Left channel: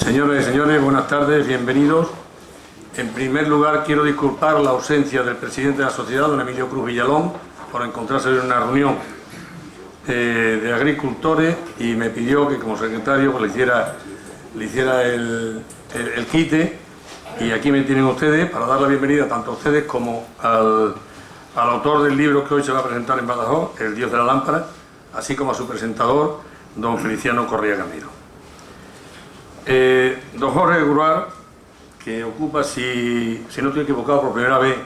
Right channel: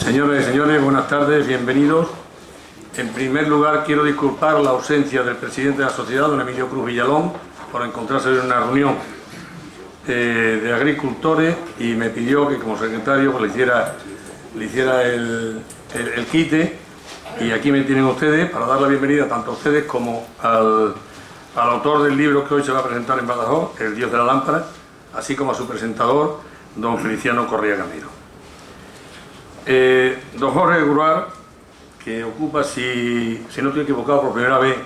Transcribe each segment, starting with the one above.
Señoras y señores, buenas tardes, bienvenidos. En primer lugar, quiero disculpar la ausencia del presidente de la sociedad, don Emilio Cruz Villalón, por encontrarse en una reunión de agricultores y me pidió que como secretario pues, le hiciera el quite, y aquí me tienen ustedes para dar la bienvenida tanto a ustedes como al autor del libro que hoy se va a presentar en Badajoz, El Dios de la Lámpara, así como a su presentador, don Feliciano Correa Gamero. Don Jorge Gruar, que ocupa, si no estoy equivocado, por primera vez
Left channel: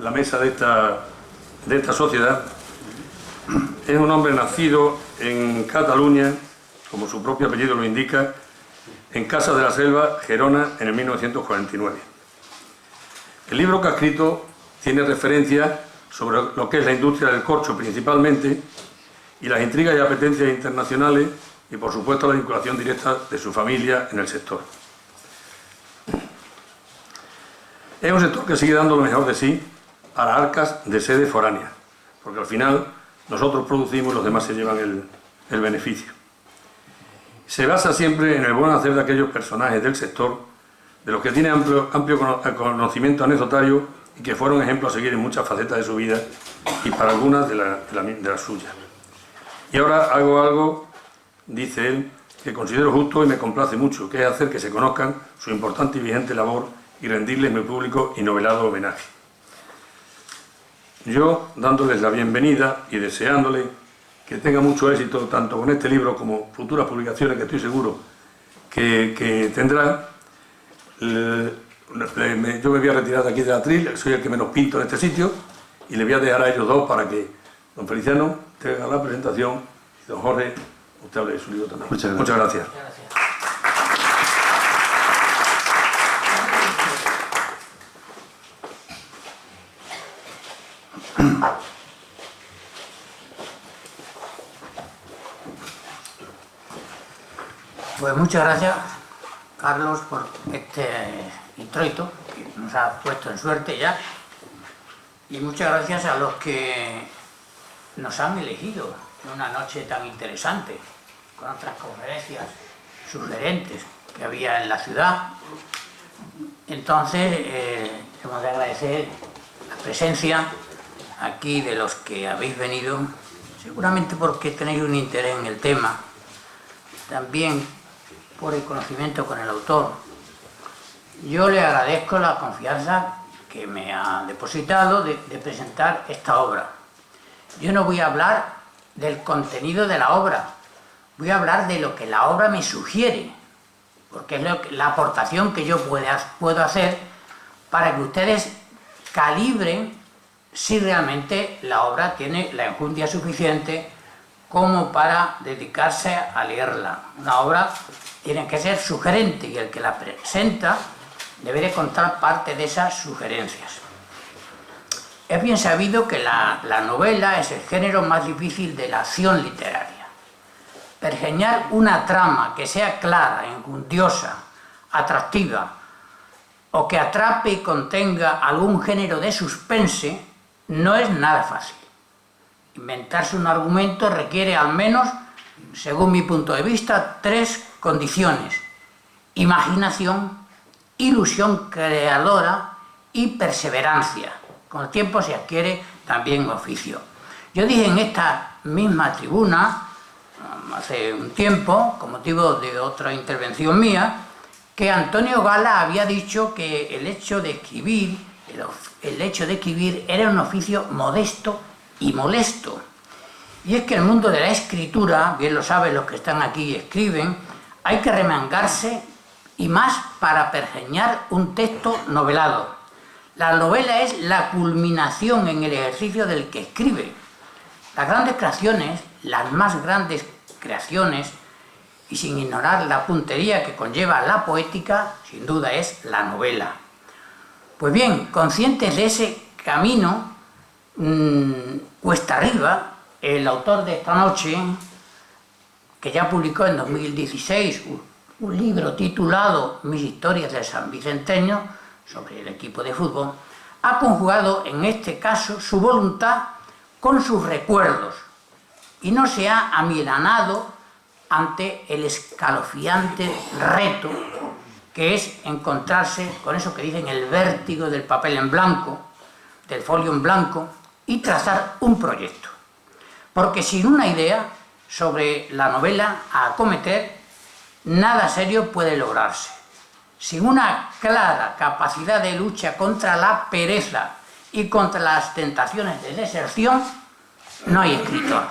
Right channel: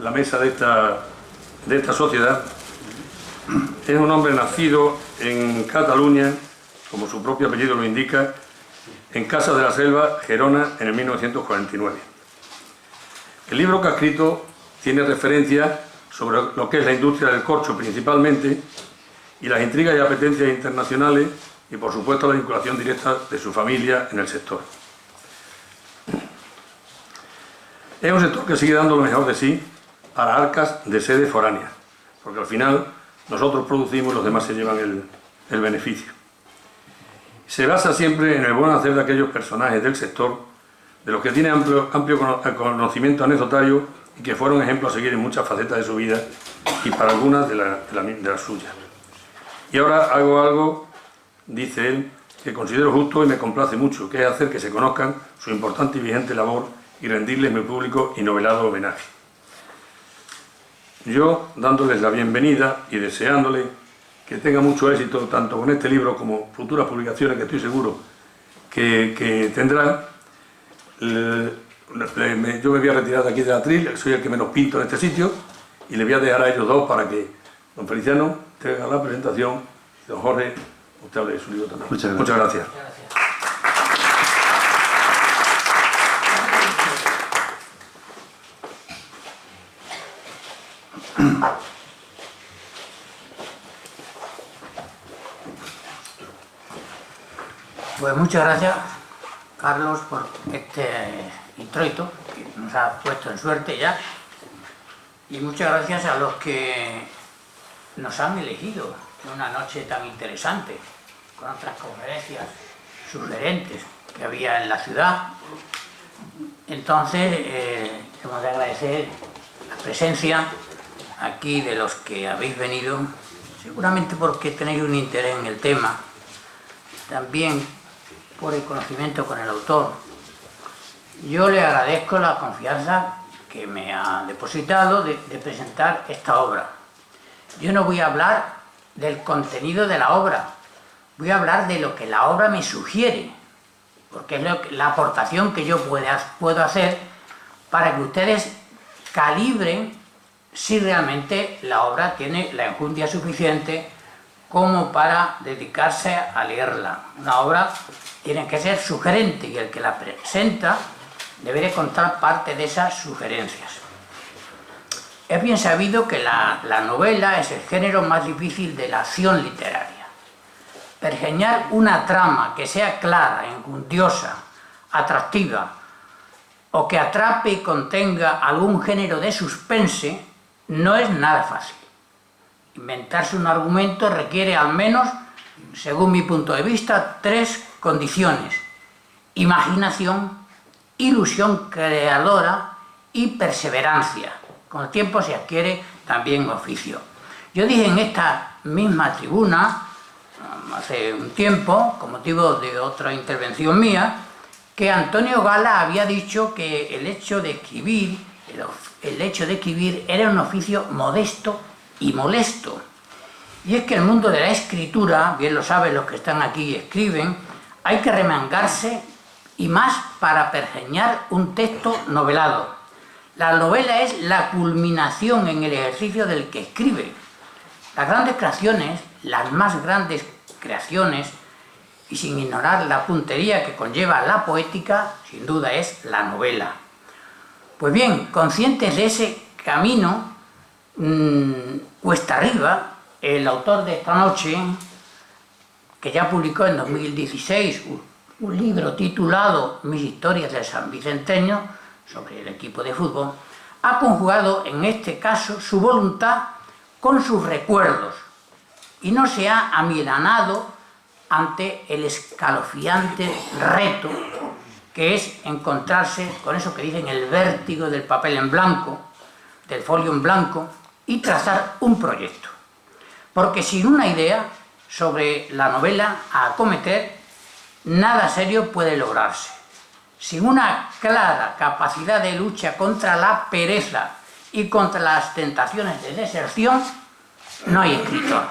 la mesa de esta sociedad, es un hombre nacido en Cataluña, como su propio apellido lo indica, en Casa de la Selva, Gerona, en el 1949. El libro que ha escrito tiene referencia sobre lo que es la industria del corcho principalmente y las intrigas y apetencias internacionales y, por supuesto, la vinculación directa de su familia en el sector. Es un sector que sigue dando lo mejor de sí para arcas de sede foráneas, porque al final nosotros producimos y los demás se llevan el beneficio. Se basa siempre en el buen hacer de aquellos personajes del sector, de los que tienen amplio conocimiento anecdotario y que fueron ejemplos a seguir en muchas facetas de su vida y para algunas de las suyas. Y ahora hago algo, dice él, que considero justo y me complace mucho, que es hacer que se conozcan su importante y vigente labor y rendirles mi público y novelado homenaje. Yo, dándoles la bienvenida y deseándoles que tengan mucho éxito tanto con este libro como futuras publicaciones que estoy seguro que tendrán, yo me voy a retirar de aquí del atril, soy el que menos pinto en este sitio, y le voy a dejar a ellos dos para que don Feliciano te haga la presentación y don Jorge usted hable de su libro también. Muchas gracias. Pues muchas gracias, Carlos, por este introito que nos ha puesto en suerte ya, y muchas gracias a los que nos han elegido en una noche tan interesante, con otras conferencias sugerentes que había en la ciudad. Entonces, hemos de agradecer la presencia aquí de los que habéis venido, seguramente porque tenéis un interés en el tema, también por el conocimiento con el autor. Yo le agradezco la confianza que me ha depositado de presentar esta obra. Yo no voy a hablar del contenido de la obra, voy a hablar de lo que la obra me sugiere, porque es la aportación que yo puedo hacer para que ustedes calibren si realmente la obra tiene la enjundia suficiente como para dedicarse a leerla. Una obra tiene que ser sugerente y el que la presenta debe de contar parte de esas sugerencias. Es bien sabido que la novela es el género más difícil de la acción literaria. Pergeñar una trama que sea clara, enjundiosa, atractiva, o que atrape y contenga algún género de suspense, no es nada fácil. Inventarse un argumento requiere al menos, según mi punto de vista, 3 condiciones: imaginación, ilusión creadora y perseverancia. Con el tiempo se adquiere también oficio. Yo dije en esta misma tribuna, hace un tiempo, con motivo de otra intervención mía, que Antonio Gala había dicho que el hecho de escribir era un oficio modesto y molesto. Y es que el mundo de la escritura, bien lo saben los que están aquí y escriben, hay que remangarse, y más para pergeñar un texto novelado. La novela es la culminación en el ejercicio del que escribe. Las grandes creaciones, las más grandes creaciones, y sin ignorar la puntería que conlleva la poética, sin duda es la novela. Pues bien, conscientes de ese camino cuesta arriba, el autor de esta noche, que ya publicó en 2016 un libro titulado Mis historias del San Vicenteño, sobre el equipo de fútbol, ha conjugado en este caso su voluntad con sus recuerdos y no se ha amilanado ante el escalofriante reto que es encontrarse con eso que dicen el vértigo del papel en blanco, del folio en blanco, y trazar un proyecto. Porque sin una idea sobre la novela a acometer, nada serio puede lograrse. Sin una clara capacidad de lucha contra la pereza y contra las tentaciones de deserción, no hay escritor.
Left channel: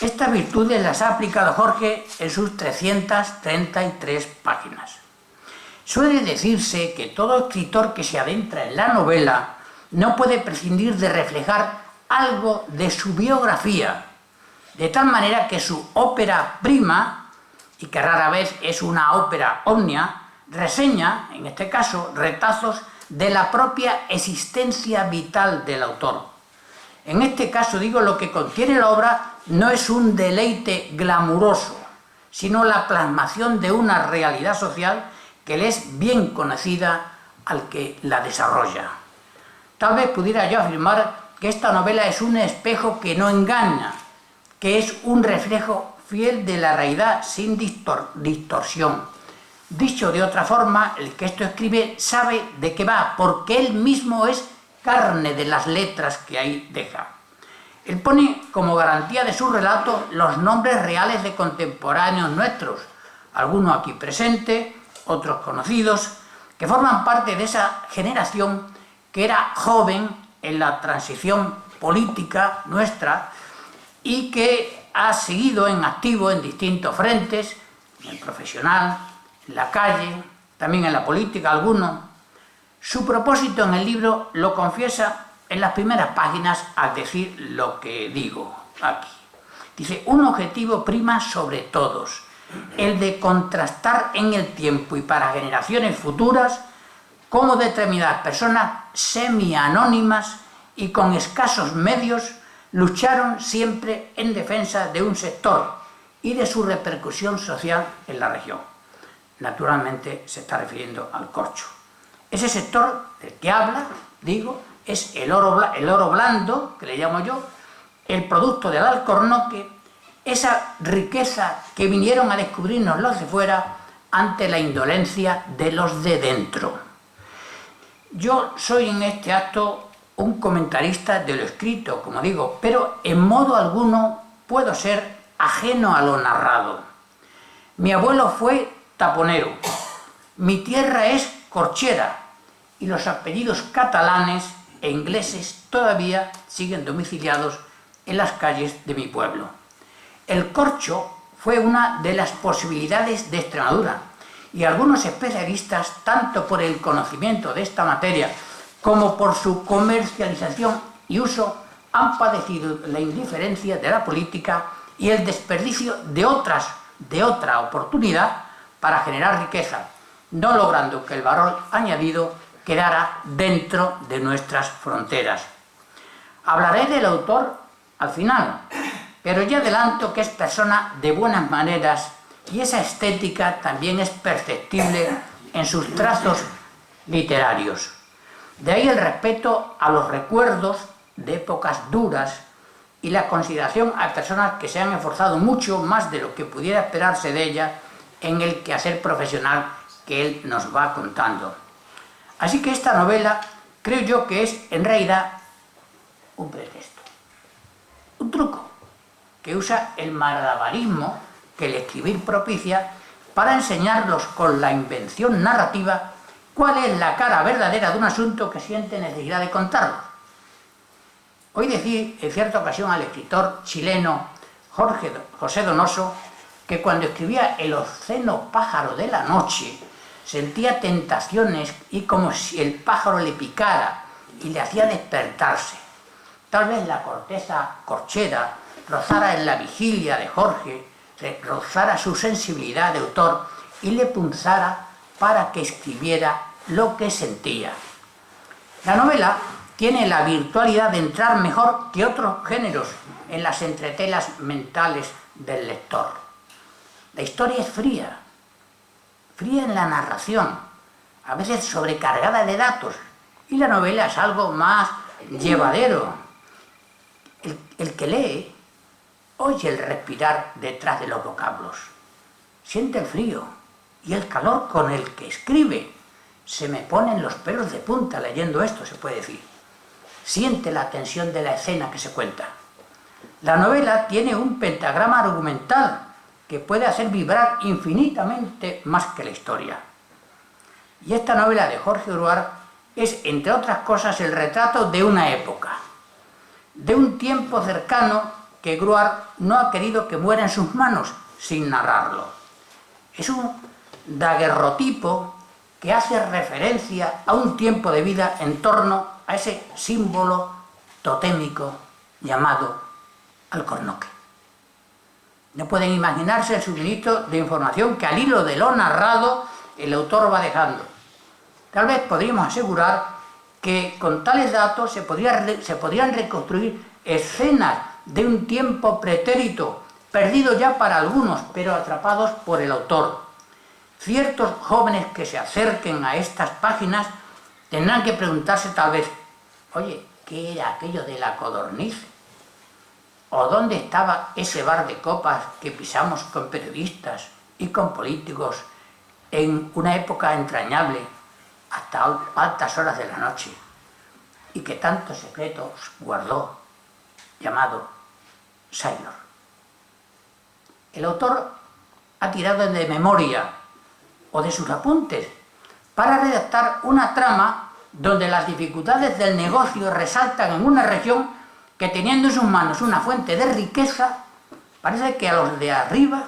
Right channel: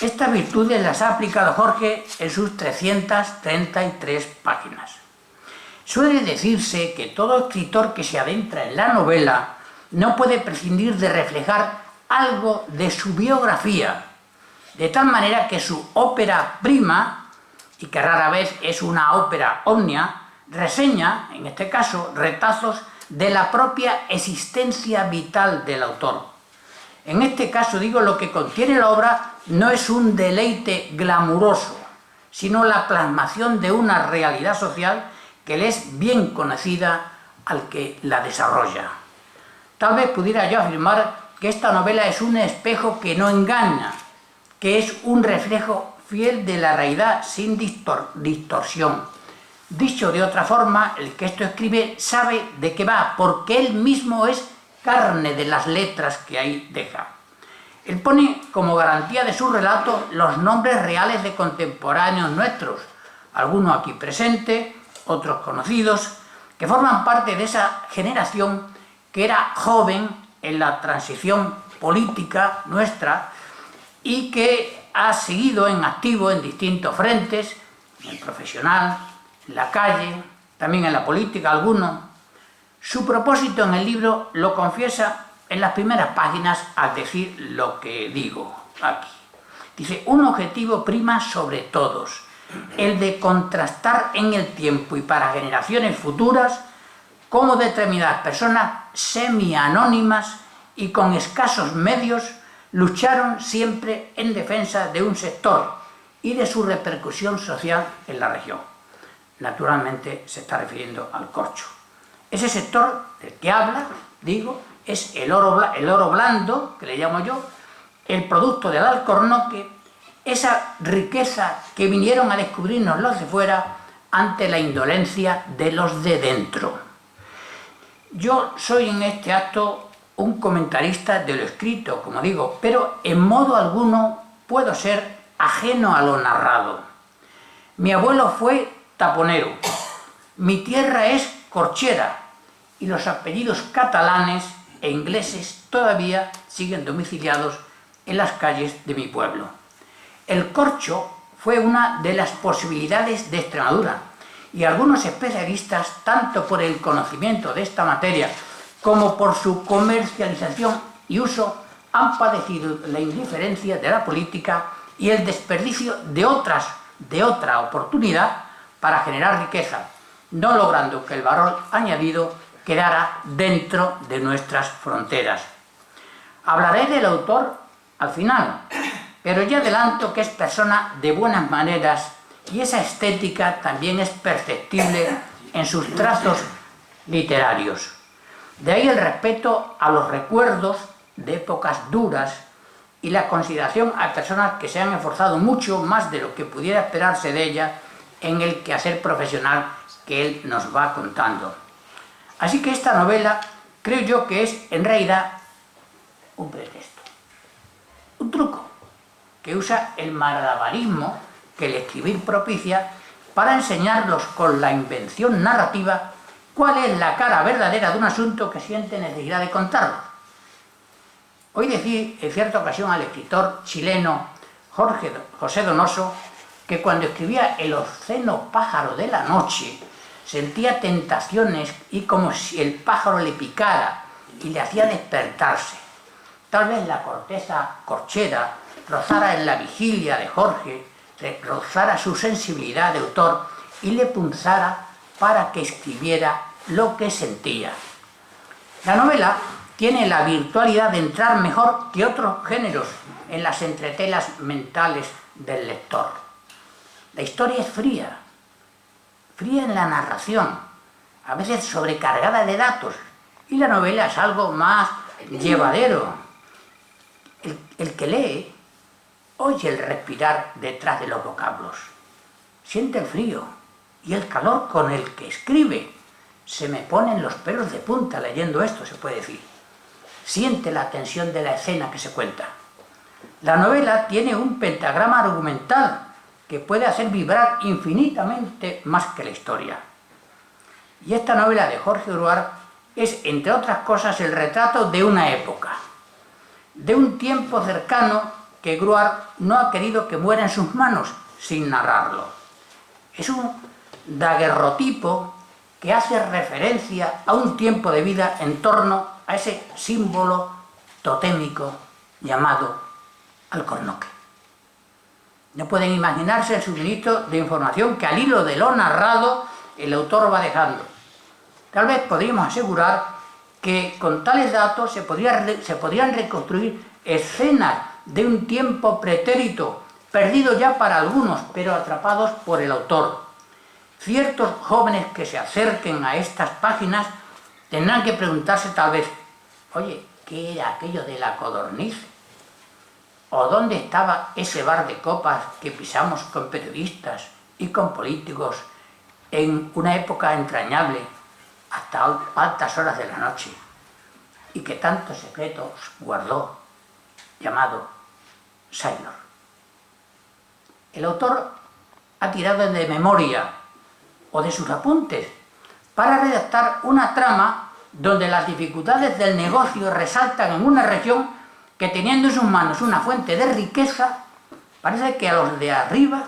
Estas virtudes las ha aplicado Jorge en sus 333 páginas. Suele decirse que todo escritor que se adentra en la novela no puede prescindir de reflejar algo de su biografía, de tal manera que su ópera prima, y que rara vez es una ópera omnia, reseña, en este caso, retazos de la propia existencia vital del autor. En este caso, digo, lo que contiene la obra no es un deleite glamuroso, sino la plasmación de una realidad social que le es bien conocida al que la desarrolla. Tal vez pudiera yo afirmar que esta novela es un espejo que no engaña, que es un reflejo fiel de la realidad sin distorsión. Dicho de otra forma, el que esto escribe sabe de qué va, porque él mismo es carne de las letras que ahí deja. Él pone como garantía de su relato los nombres reales de contemporáneos nuestros, algunos aquí presentes, otros conocidos, que forman parte de esa generación que era joven en la transición política nuestra y que ha seguido en activo en distintos frentes, en el profesional, en la calle, también en la política algunos. Su propósito en el libro lo confiesa en las primeras páginas al decir lo que digo aquí. Dice, un objetivo prima sobre todos, el de contrastar en el tiempo y para generaciones futuras cómo determinadas personas semi-anónimas y con escasos medios lucharon siempre en defensa de un sector y de su repercusión social en la región. Naturalmente se está refiriendo al corcho. Ese sector del que habla, digo, es el oro blando, que le llamo yo, el producto del alcornoque, esa riqueza que vinieron a descubrirnos los de fuera ante la indolencia de los de dentro. Yo soy en este acto un comentarista de lo escrito, como digo, pero en modo alguno puedo ser ajeno a lo narrado. Mi abuelo fue taponero, mi tierra es corchera y los apellidos catalanes e ingleses todavía siguen domiciliados en las calles de mi pueblo. El corcho fue una de las posibilidades de Extremadura y algunos especialistas, tanto por el conocimiento de esta materia como por su comercialización y uso, han padecido la indiferencia de la política y el desperdicio de otra oportunidad para generar riqueza, no logrando que el valor añadido quedara dentro de nuestras fronteras. Hablaré del autor al final, pero ya adelanto que es persona de buenas maneras y esa estética también es perceptible en sus trazos literarios. De ahí el respeto a los recuerdos de épocas duras y la consideración a personas que se han esforzado mucho más de lo que pudiera esperarse de ellas en el quehacer profesional que él nos va contando. Así que esta novela creo yo que es en realidad un pretexto, un truco que usa el malabarismo que el escribir propicia para enseñarlos con la invención narrativa cuál es la cara verdadera de un asunto que siente necesidad de contarlo. Oí decir en cierta ocasión al escritor chileno José Donoso que cuando escribía El obsceno pájaro de la noche sentía tentaciones y como si el pájaro le picara y le hacía despertarse. Tal vez la corteza corchera rozara en la vigilia de Jorge, rozara su sensibilidad de autor y le punzara para que escribiera lo que sentía. La novela tiene la virtualidad de entrar mejor que otros géneros en las entretelas mentales del lector. La historia es fría en la narración, a veces sobrecargada de datos, y la novela es algo más llevadero. El que lee oye el respirar detrás de los vocablos, siente el frío, y el calor con el que escribe. Se me ponen los pelos de punta leyendo esto, se puede decir. Siente la tensión de la escena que se cuenta. La novela tiene un pentagrama argumental que puede hacer vibrar infinitamente más que la historia. Y esta novela de Jorge Gruart es, entre otras cosas, el retrato de una época, de un tiempo cercano que Gruart no ha querido que muera en sus manos sin narrarlo. Es un daguerrotipo que hace referencia a un tiempo de vida en torno a ese símbolo totémico llamado alcornoque. No pueden imaginarse el suministro de información que al hilo de lo narrado el autor va dejando. Tal vez podríamos asegurar que con tales datos se podrían reconstruir escenas de un tiempo pretérito, perdido ya para algunos, pero atrapados por el autor. Ciertos jóvenes que se acerquen a estas páginas tendrán que preguntarse tal vez, oye, ¿qué era aquello de la codorniz? ¿O dónde estaba ese bar de copas que pisamos con periodistas y con políticos en una época entrañable hasta altas horas de la noche y que tantos secretos guardó, llamado Sailor? El autor ha tirado de memoria o de sus apuntes para redactar una trama donde las dificultades del negocio resaltan en una región que, teniendo en sus manos una fuente de riqueza, parece que a los de arriba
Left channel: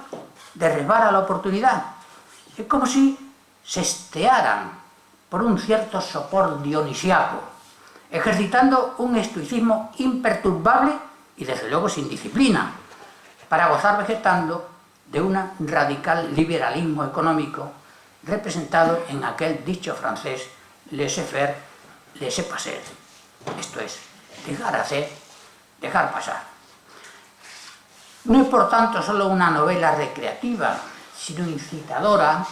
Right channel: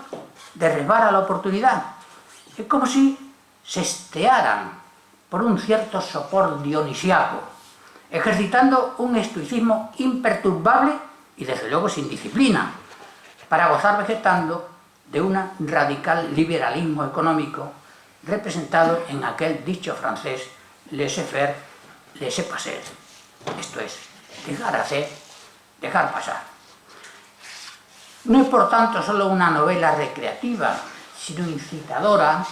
derribara la oportunidad. Es como si se estearan por un cierto sopor dionisiaco, ejercitando un estoicismo imperturbable y desde luego sin disciplina, para gozar vegetando de un radical liberalismo económico representado en aquel dicho francés laissez-faire, laissez-passer, esto es, dejar hacer, dejar pasar. No es por tanto solo una novela recreativa, sino incitadora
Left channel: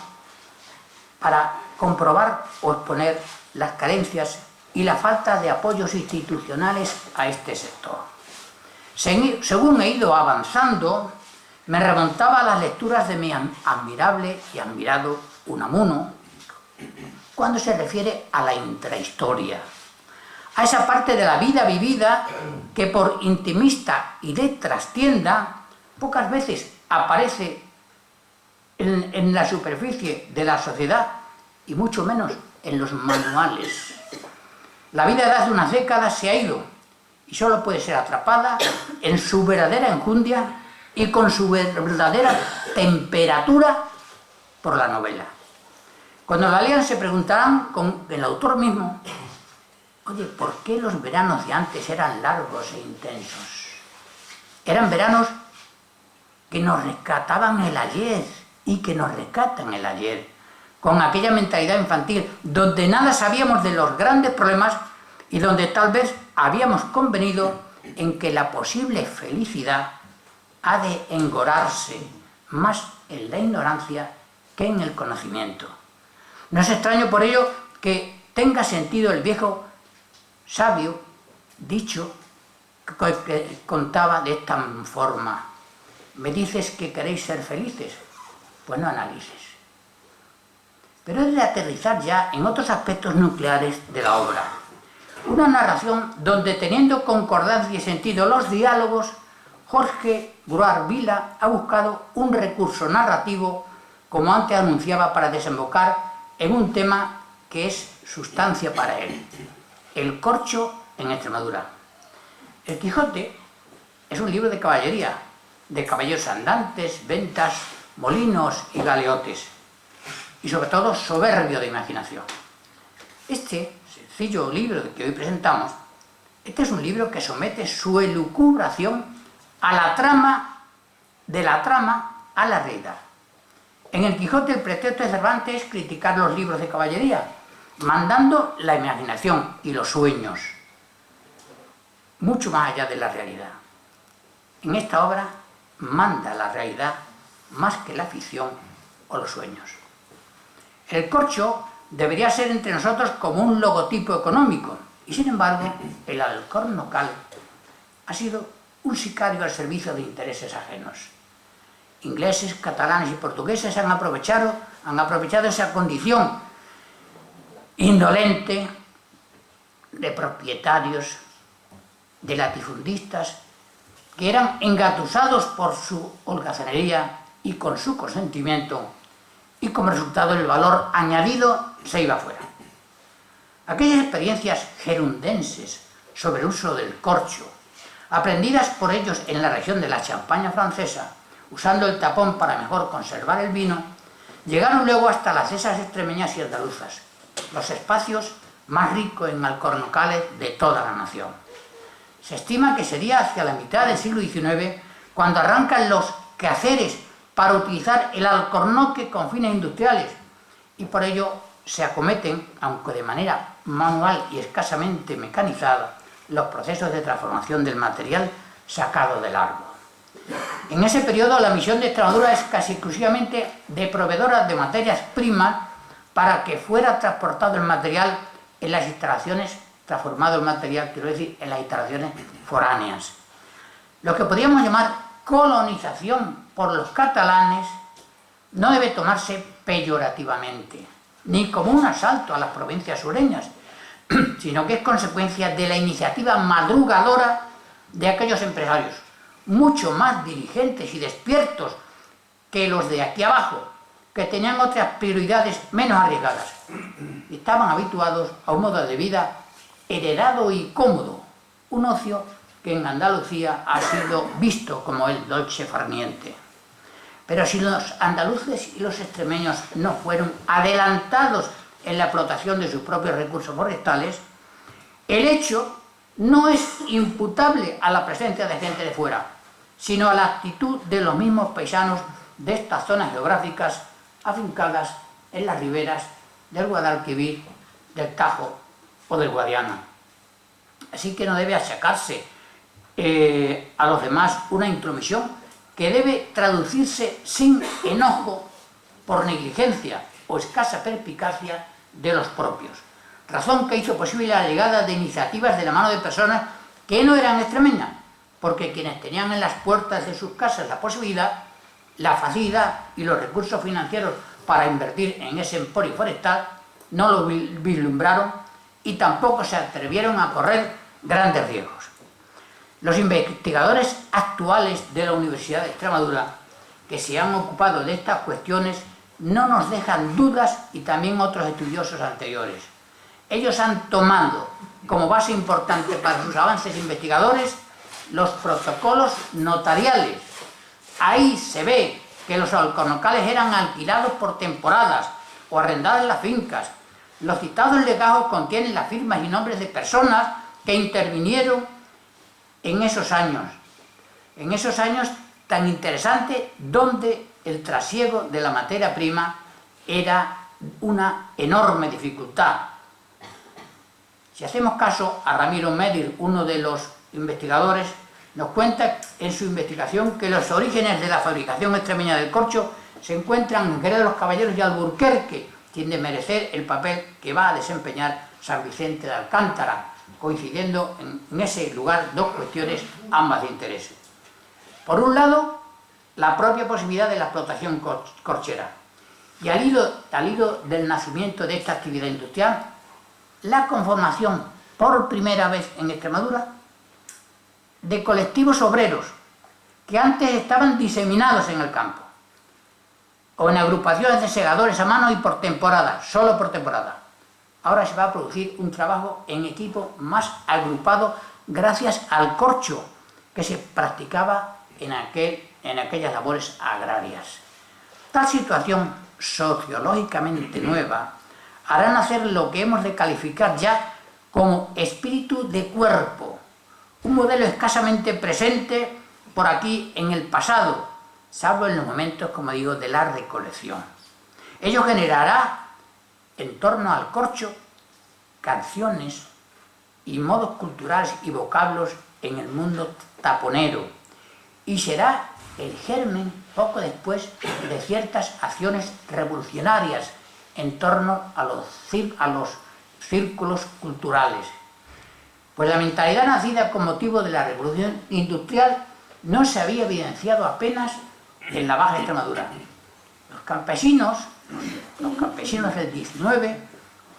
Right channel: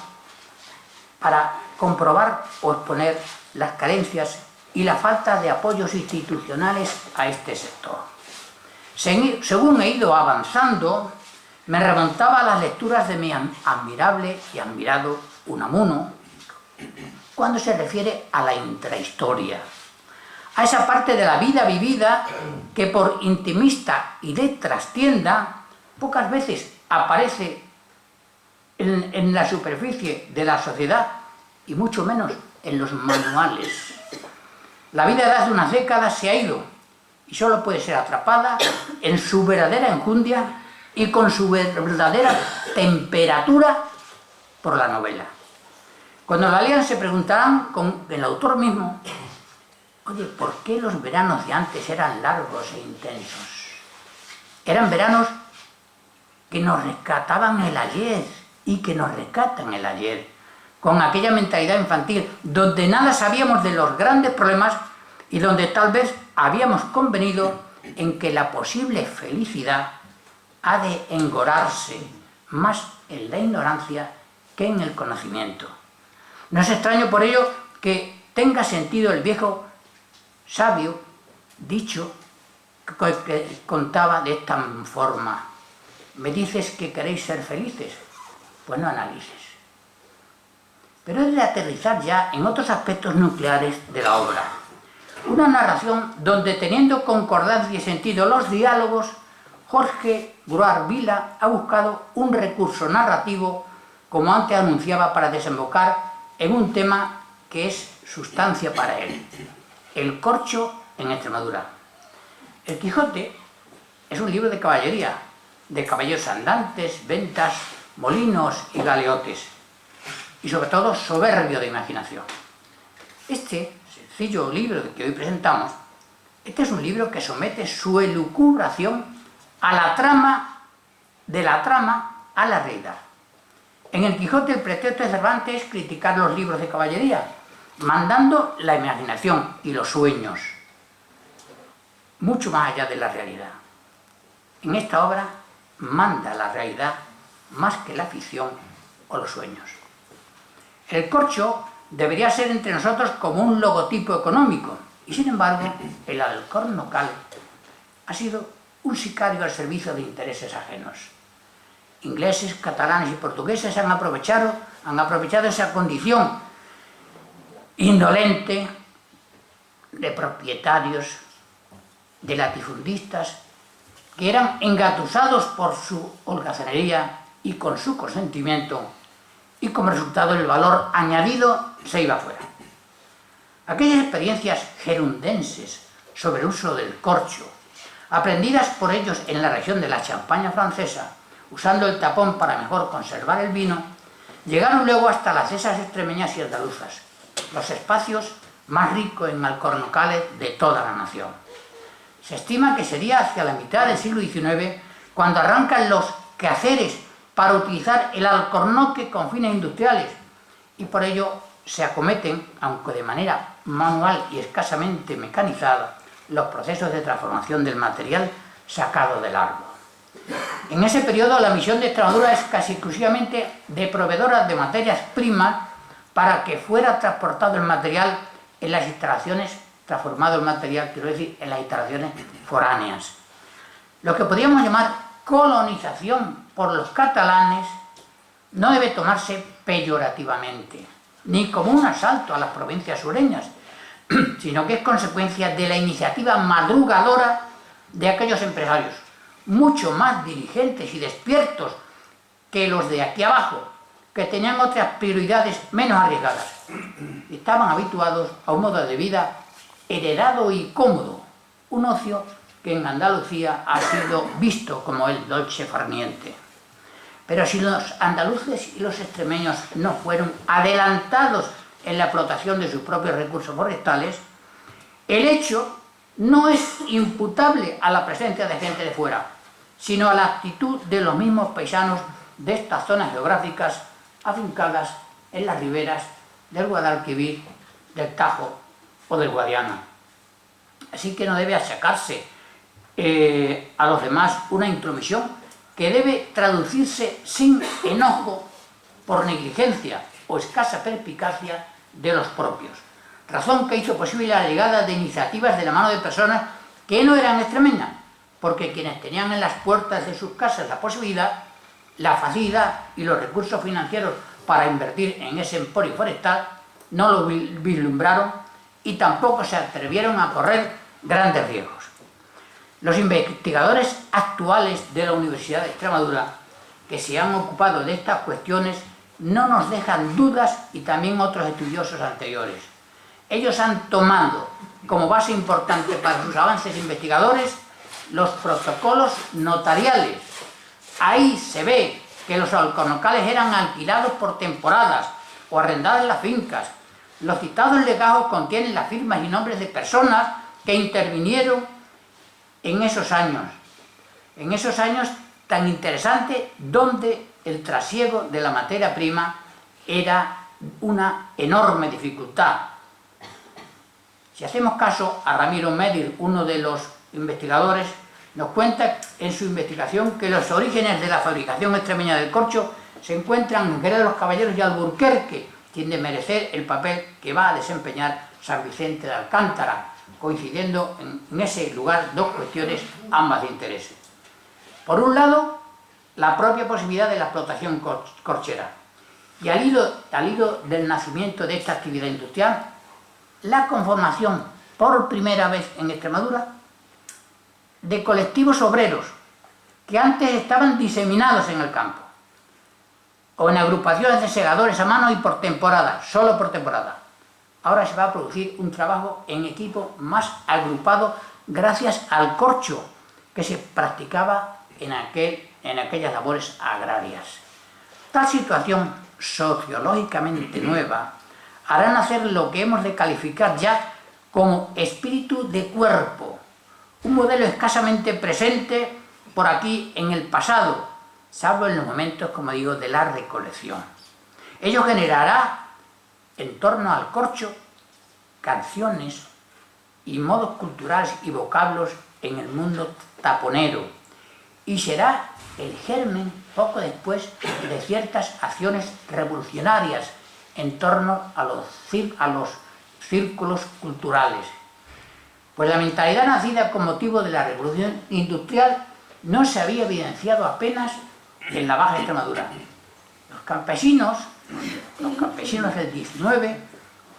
para comprobar o exponer las carencias y la falta de apoyos institucionales a este sector. Según he ido avanzando, me remontaba a las lecturas de mi admirable y admirado Unamuno, cuando se refiere a la intrahistoria, a esa parte de la vida vivida que, por intimista y de trastienda, pocas veces aparece en la superficie de la sociedad y mucho menos en los manuales. La vida de hace unas décadas se ha ido y solo puede ser atrapada en su verdadera enjundia y con su verdadera temperatura por la novela. Cuando la lean se preguntarán con el autor mismo, oye, ¿por qué los veranos de antes eran largos e intensos? Eran veranos que nos rescataban el ayer y que nos rescatan el ayer, con aquella mentalidad infantil donde nada sabíamos de los grandes problemas y donde tal vez habíamos convenido en que la posible felicidad ha de engorarse más en la ignorancia que en el conocimiento. No es extraño por ello que tenga sentido el viejo sabio dicho que contaba de esta forma: ¿me dices que queréis ser felices? Pues no analices. Pero es de aterrizar ya en otros aspectos nucleares de la obra. Una narración donde, teniendo concordancia y sentido los diálogos, Jorge Gruart Vila ha buscado un recurso narrativo, como antes anunciaba, para desembocar en un tema que es sustancia para él: el corcho en Extremadura. El Quijote es un libro de caballería, de caballos andantes, ventas, molinos y galeotes, y sobre todo soberbio de imaginación. Este sencillo libro que hoy presentamos, este es un libro que somete su elucubración a la trama, de la trama a la realidad. En el Quijote el pretexto de Cervantes es criticar los libros de caballería, mandando la imaginación y los sueños mucho más allá de la realidad. En esta obra manda la realidad más que la ficción o los sueños. El corcho debería ser entre nosotros como un logotipo económico, y sin embargo el alcornocal ha sido un sicario al servicio de intereses ajenos. Ingleses, catalanes y portugueses han aprovechado han aprovechado esa condición indolente de propietarios, de latifundistas, que eran engatusados por su holgazanería y con su consentimiento, y como resultado el valor añadido se iba fuera. Aquellas experiencias gerundenses sobre el uso del corcho, aprendidas por ellos en la región de la Champaña francesa, usando el tapón para mejor conservar el vino, llegaron luego hasta las dehesas extremeñas y andaluzas, los espacios más ricos en alcornocales de toda la nación. Se estima que sería hacia la mitad del siglo XIX cuando arrancan los quehaceres para utilizar el alcornoque con fines industriales, y por ello se acometen, aunque de manera manual y escasamente mecanizada, los procesos de transformación del material sacado del árbol. En ese periodo la misión de Extremadura es casi exclusivamente de proveedora de materias primas para que fuera transportado el material en las instalaciones, transformado el material, quiero decir, en las instalaciones foráneas. Lo que podríamos llamar colonización por los catalanes no debe tomarse peyorativamente, ni como un asalto a las provincias sureñas, sino que es consecuencia de la iniciativa madrugadora de aquellos empresarios, mucho más diligentes y despiertos que los de aquí abajo, que tenían otras prioridades menos arriesgadas. Estaban habituados a un modo de vida heredado y cómodo, un ocio que en Andalucía ha sido visto como el dolce far niente. Pero si los andaluces y los extremeños no fueron adelantados en la explotación de sus propios recursos forestales, el hecho no es imputable a la presencia de gente de fuera, sino a la actitud de los mismos paisanos de estas zonas geográficas afincadas en las riberas del Guadalquivir, del Tajo o del Guadiana. Así que no debe achacarse a los demás una intromisión que debe traducirse sin enojo por negligencia o escasa perspicacia de los propios, razón que hizo posible la llegada de iniciativas de la mano de personas que no eran extremeñas, porque quienes tenían en las puertas de sus casas la posibilidad, la facilidad y los recursos financieros para invertir en ese emporio forestal no lo vislumbraron y tampoco se atrevieron a correr grandes riesgos. Los investigadores actuales de la Universidad de Extremadura, que se han ocupado de estas cuestiones, no nos dejan dudas, y también otros estudiosos anteriores. Ellos han tomado como base importante para sus avances investigadores los protocolos notariales. Ahí se ve que los alcornocales eran alquilados por temporadas o arrendados en las fincas. Los citados legajos contienen las firmas y nombres de personas que intervinieron en esos años tan interesantes, donde el trasiego de la materia prima era una enorme dificultad. Si hacemos caso a Ramiro Medir, uno de los investigadores, nos cuenta en su investigación que los orígenes de la fabricación extremeña del corcho se encuentran en Jerez de los Caballeros y Alburquerque, quien de merecer el papel que va a desempeñar San Vicente de Alcántara, coincidiendo en ese lugar dos cuestiones, ambas de interés. Por un lado, la propia posibilidad de la explotación corchera, y al hilo del nacimiento de esta actividad industrial, la conformación por primera vez en Extremadura de colectivos obreros que antes estaban diseminados en el campo, o en agrupaciones de segadores a mano y por temporada, solo por temporada. Ahora se va a producir un trabajo en equipo más agrupado gracias al corcho que se practicaba en aquellas labores agrarias. Tal situación sociológicamente nueva hará nacer lo que hemos de calificar ya como espíritu de cuerpo, un modelo escasamente presente por aquí en el pasado, salvo en los momentos, como digo, de la recolección. Ello generará en torno al corcho canciones y modos culturales y vocablos en el mundo taponero, y será el germen poco después de ciertas acciones revolucionarias en torno a los círculos culturales. Pues la mentalidad nacida con motivo de la revolución industrial no se había evidenciado apenas en la Baja Extremadura. Los campesinos Los campesinos del 19,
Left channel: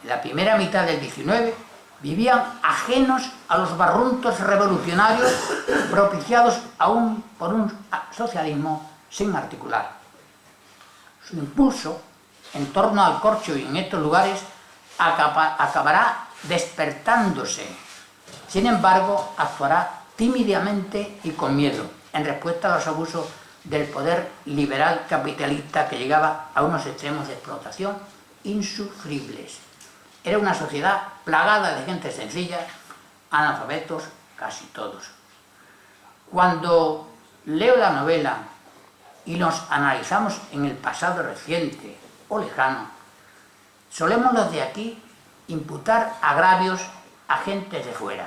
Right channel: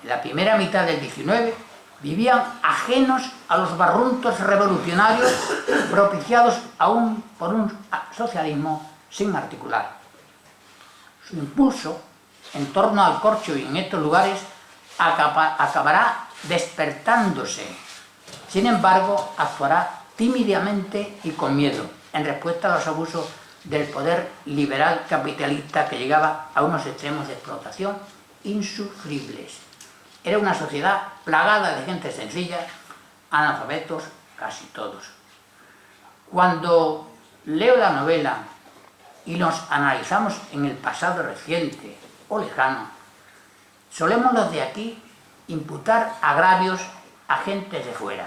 en la primera mitad del 19, vivían ajenos a los barruntos revolucionarios propiciados aún por un socialismo sin articular. Su impulso en torno al corcho y en estos lugares acabará despertándose. Sin embargo, actuará tímidamente y con miedo en respuesta a los abusos del poder liberal capitalista que llegaba a unos extremos de explotación insufribles. Era una sociedad plagada de gente sencilla, analfabetos casi todos. Cuando leo la novela y nos analizamos en el pasado reciente o lejano, solemos los de aquí imputar agravios a gentes de fuera,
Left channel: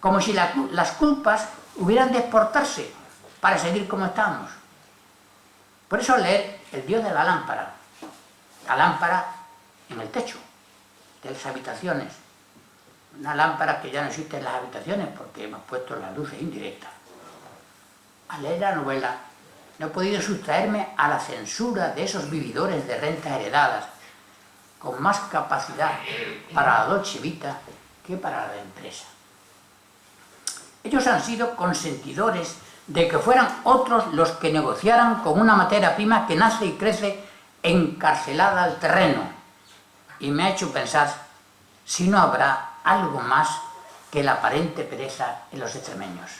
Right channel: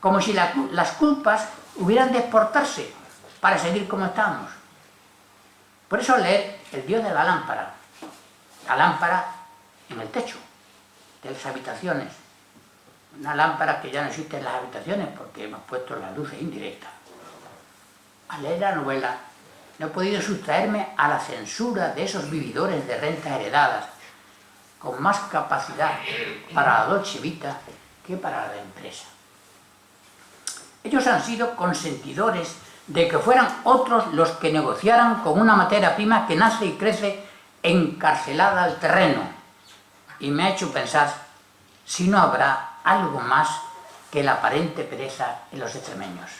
como si las culpas hubieran de exportarse para seguir como estamos. Por eso leer El Dios de la lámpara en el techo de las habitaciones, una lámpara que ya no existe en las habitaciones porque hemos puesto las luces indirectas. Al leer la novela no he podido sustraerme a la censura de esos vividores de rentas heredadas con más capacidad para la Dolce Vita que para la empresa. Ellos han sido consentidores de que fueran otros los que negociaran con una materia prima que nace y crece encarcelada al terreno, y me ha hecho pensar si no habrá algo más que la aparente pereza en los extremeños.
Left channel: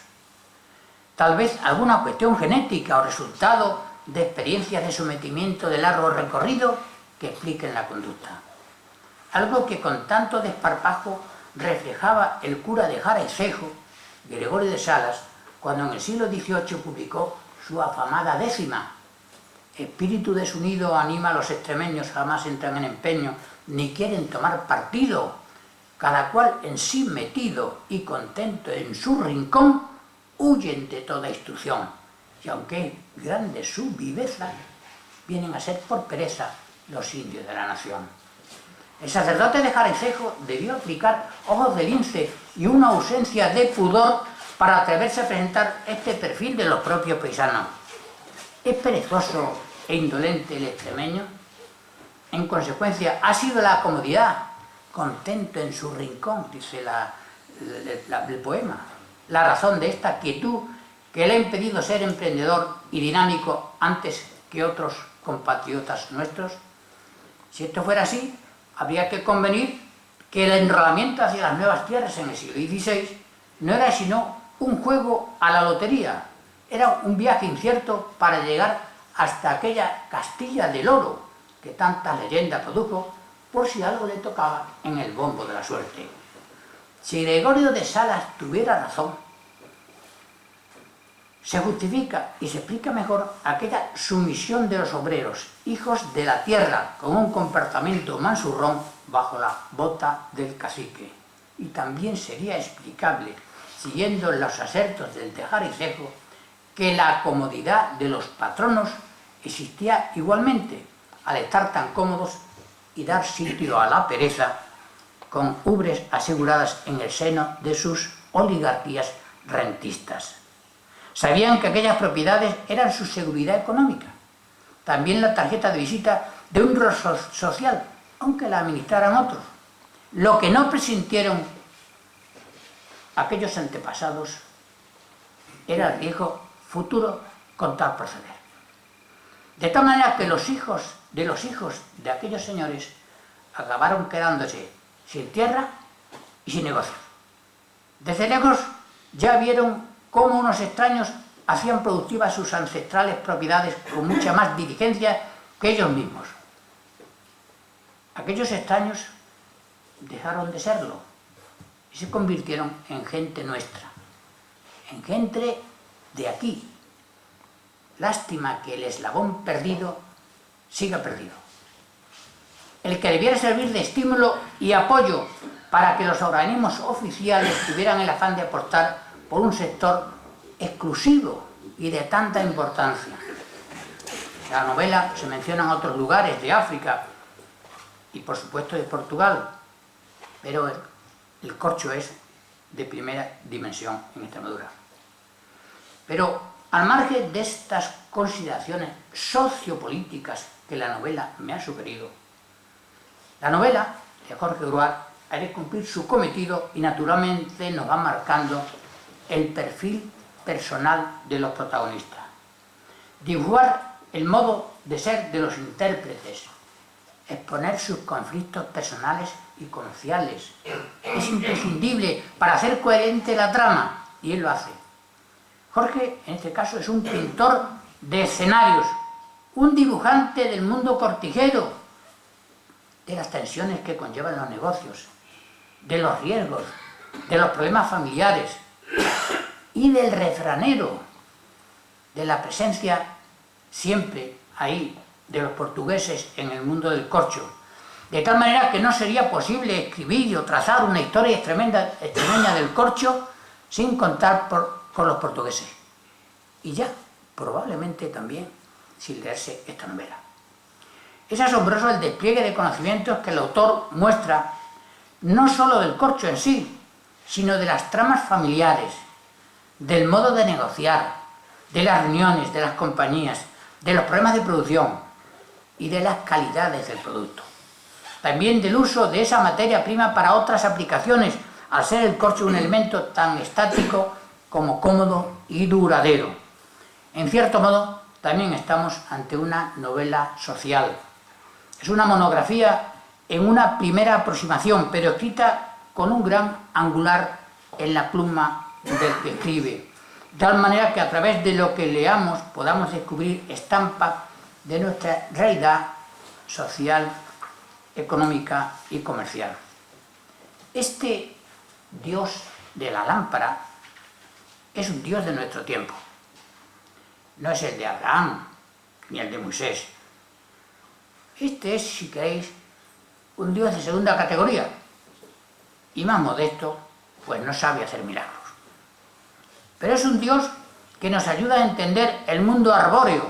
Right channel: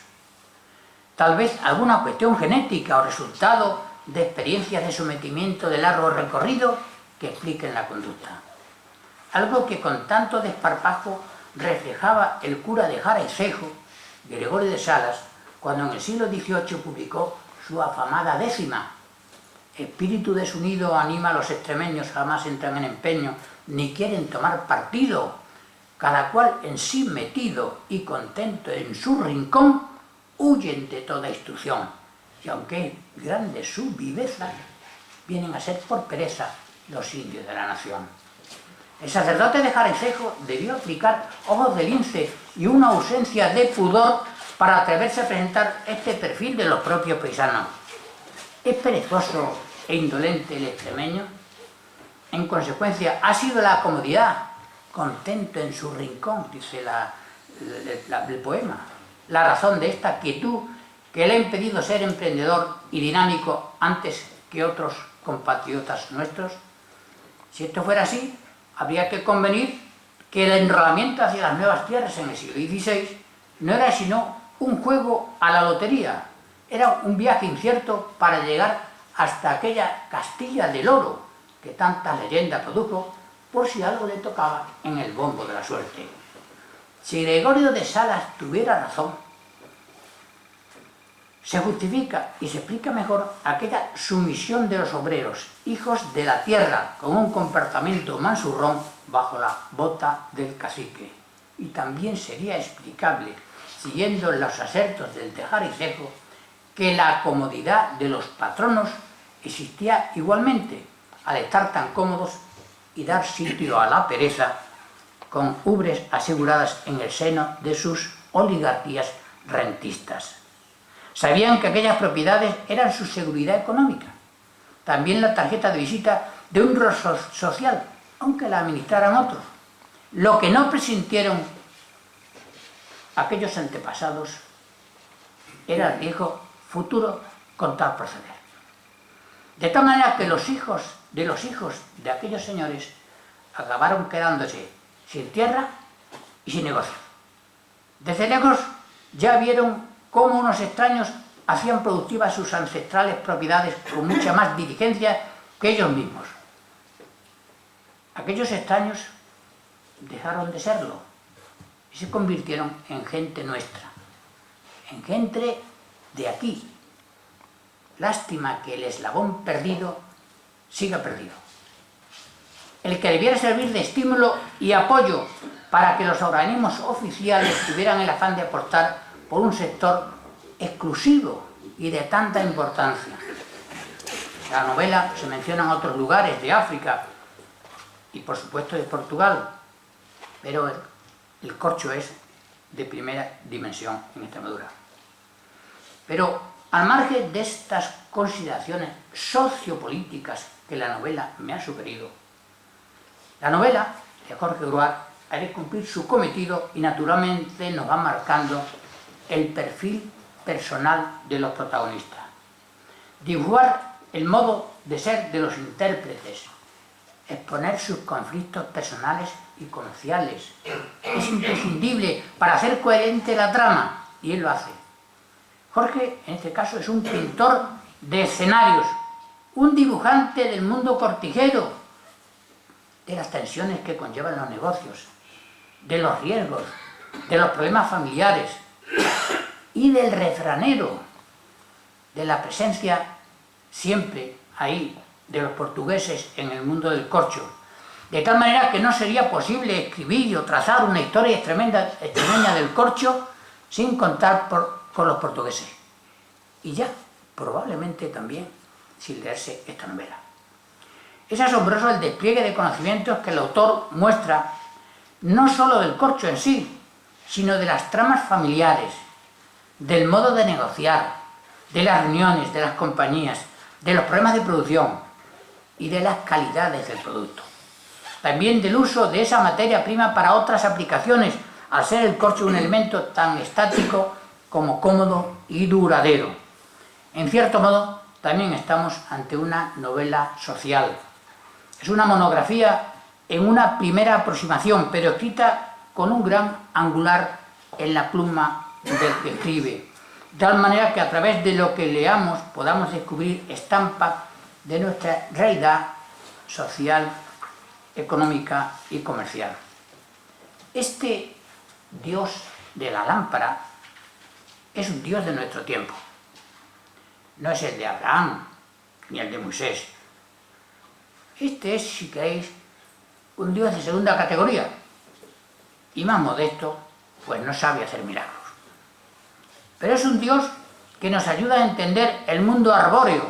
Tal vez alguna cuestión genética o resultado de experiencias de sometimiento de largo recorrido que expliquen la conducta. Algo que con tanto desparpajo reflejaba el cura de Jara y Cejo, Gregorio de Salas, cuando en el siglo XVIII publicó su afamada Décima. Espíritu desunido anima a los extremeños, jamás entran en empeño, ni quieren tomar partido. Cada cual en sí metido y contento en su rincón, huyen de toda instrucción. Y aunque es grande su viveza, vienen a ser por pereza los indios de la nación. El sacerdote de Jara y Cejo debió aplicar ojos de lince y una ausencia de pudor para atreverse a presentar este perfil de los propios paisanos. ¿Es perezoso e indolente el extremeño? En consecuencia, ha sido la comodidad, contento en su rincón, dice el poema, la razón de esta quietud que le ha impedido ser emprendedor y dinámico antes que otros compatriotas nuestros. Si esto fuera así, habría que convenir que el enrolamiento hacia las nuevas tierras en el siglo XVI no era sino un juego a la lotería, era un viaje incierto para llegar hasta aquella Castilla del Oro que tantas leyendas produjo por si algo le tocaba en el bombo de la suerte. Si Gregorio de Salas tuviera razón, se justifica y se explica mejor aquella sumisión de los obreros, hijos de la tierra, con un comportamiento mansurrón bajo la bota del cacique. Y también sería explicable, siguiendo los asertos del de Jara y Cejo, que la comodidad de los patronos existía igualmente, al estar tan cómodos y dar sitio a la pereza, con ubres aseguradas en el seno de sus oligarquías rentistas. Sabían que aquellas propiedades eran su seguridad económica, también la tarjeta de visita de un rostro social, aunque la administraran otros. Lo que no presintieron aquellos antepasados era el riesgo futuro con tal proceder. De tal manera que los hijos de aquellos señores acabaron quedándose sin tierra y sin negocios. Desde lejos ya vieron cómo unos extraños hacían productivas sus ancestrales propiedades con mucha más diligencia que ellos mismos. Aquellos extraños dejaron de serlo y se convirtieron en gente nuestra, en gente de aquí. Lástima que el eslabón perdido siga perdido. El que debiera servir de estímulo y apoyo para que los organismos oficiales tuvieran el afán de aportar por un sector exclusivo y de tanta importancia. En la novela se mencionan otros lugares de África y por supuesto de Portugal, pero el corcho es de primera dimensión en Extremadura. Pero al margen de estas consideraciones sociopolíticas que la novela me ha sugerido. La novela de Jorge Gruart ha de cumplir su cometido y naturalmente nos va marcando el perfil personal de los protagonistas. Dibujar el modo de ser de los intérpretes, exponer sus conflictos personales y comerciales. Es imprescindible para hacer coherente la trama, y él lo hace. Jorge, en este caso, es un pintor de escenarios, un dibujante del mundo cortijero, de las tensiones que conllevan los negocios, de los riesgos, de los problemas familiares y del refranero, de la presencia siempre ahí de los portugueses en el mundo del corcho, de tal manera que no sería posible escribir o trazar una historia extremeña del corcho sin contar con los portugueses. Y ya, probablemente también, sin leerse esta novela. Es asombroso el despliegue de conocimientos que el autor muestra, no solo del corcho en sí, sino de las tramas familiares, del modo de negociar, de las reuniones, de las compañías, de los problemas de producción y de las calidades del producto. También del uso de esa materia prima para otras aplicaciones, al ser el corcho un elemento tan estático como cómodo y duradero. En cierto modo, también estamos ante una novela social. Es una monografía en una primera aproximación, pero escrita con un gran angular en la pluma del que escribe, de tal manera que a través de lo que leamos podamos descubrir estampas de nuestra realidad social, económica y comercial. Este Dios de la lámpara es un Dios de nuestro tiempo. No es el de Abraham ni el de Moisés. Este es, si queréis, un Dios de segunda categoría y más modesto, pues no sabe hacer milagros. Pero es un Dios que nos ayuda a entender el mundo arbóreo,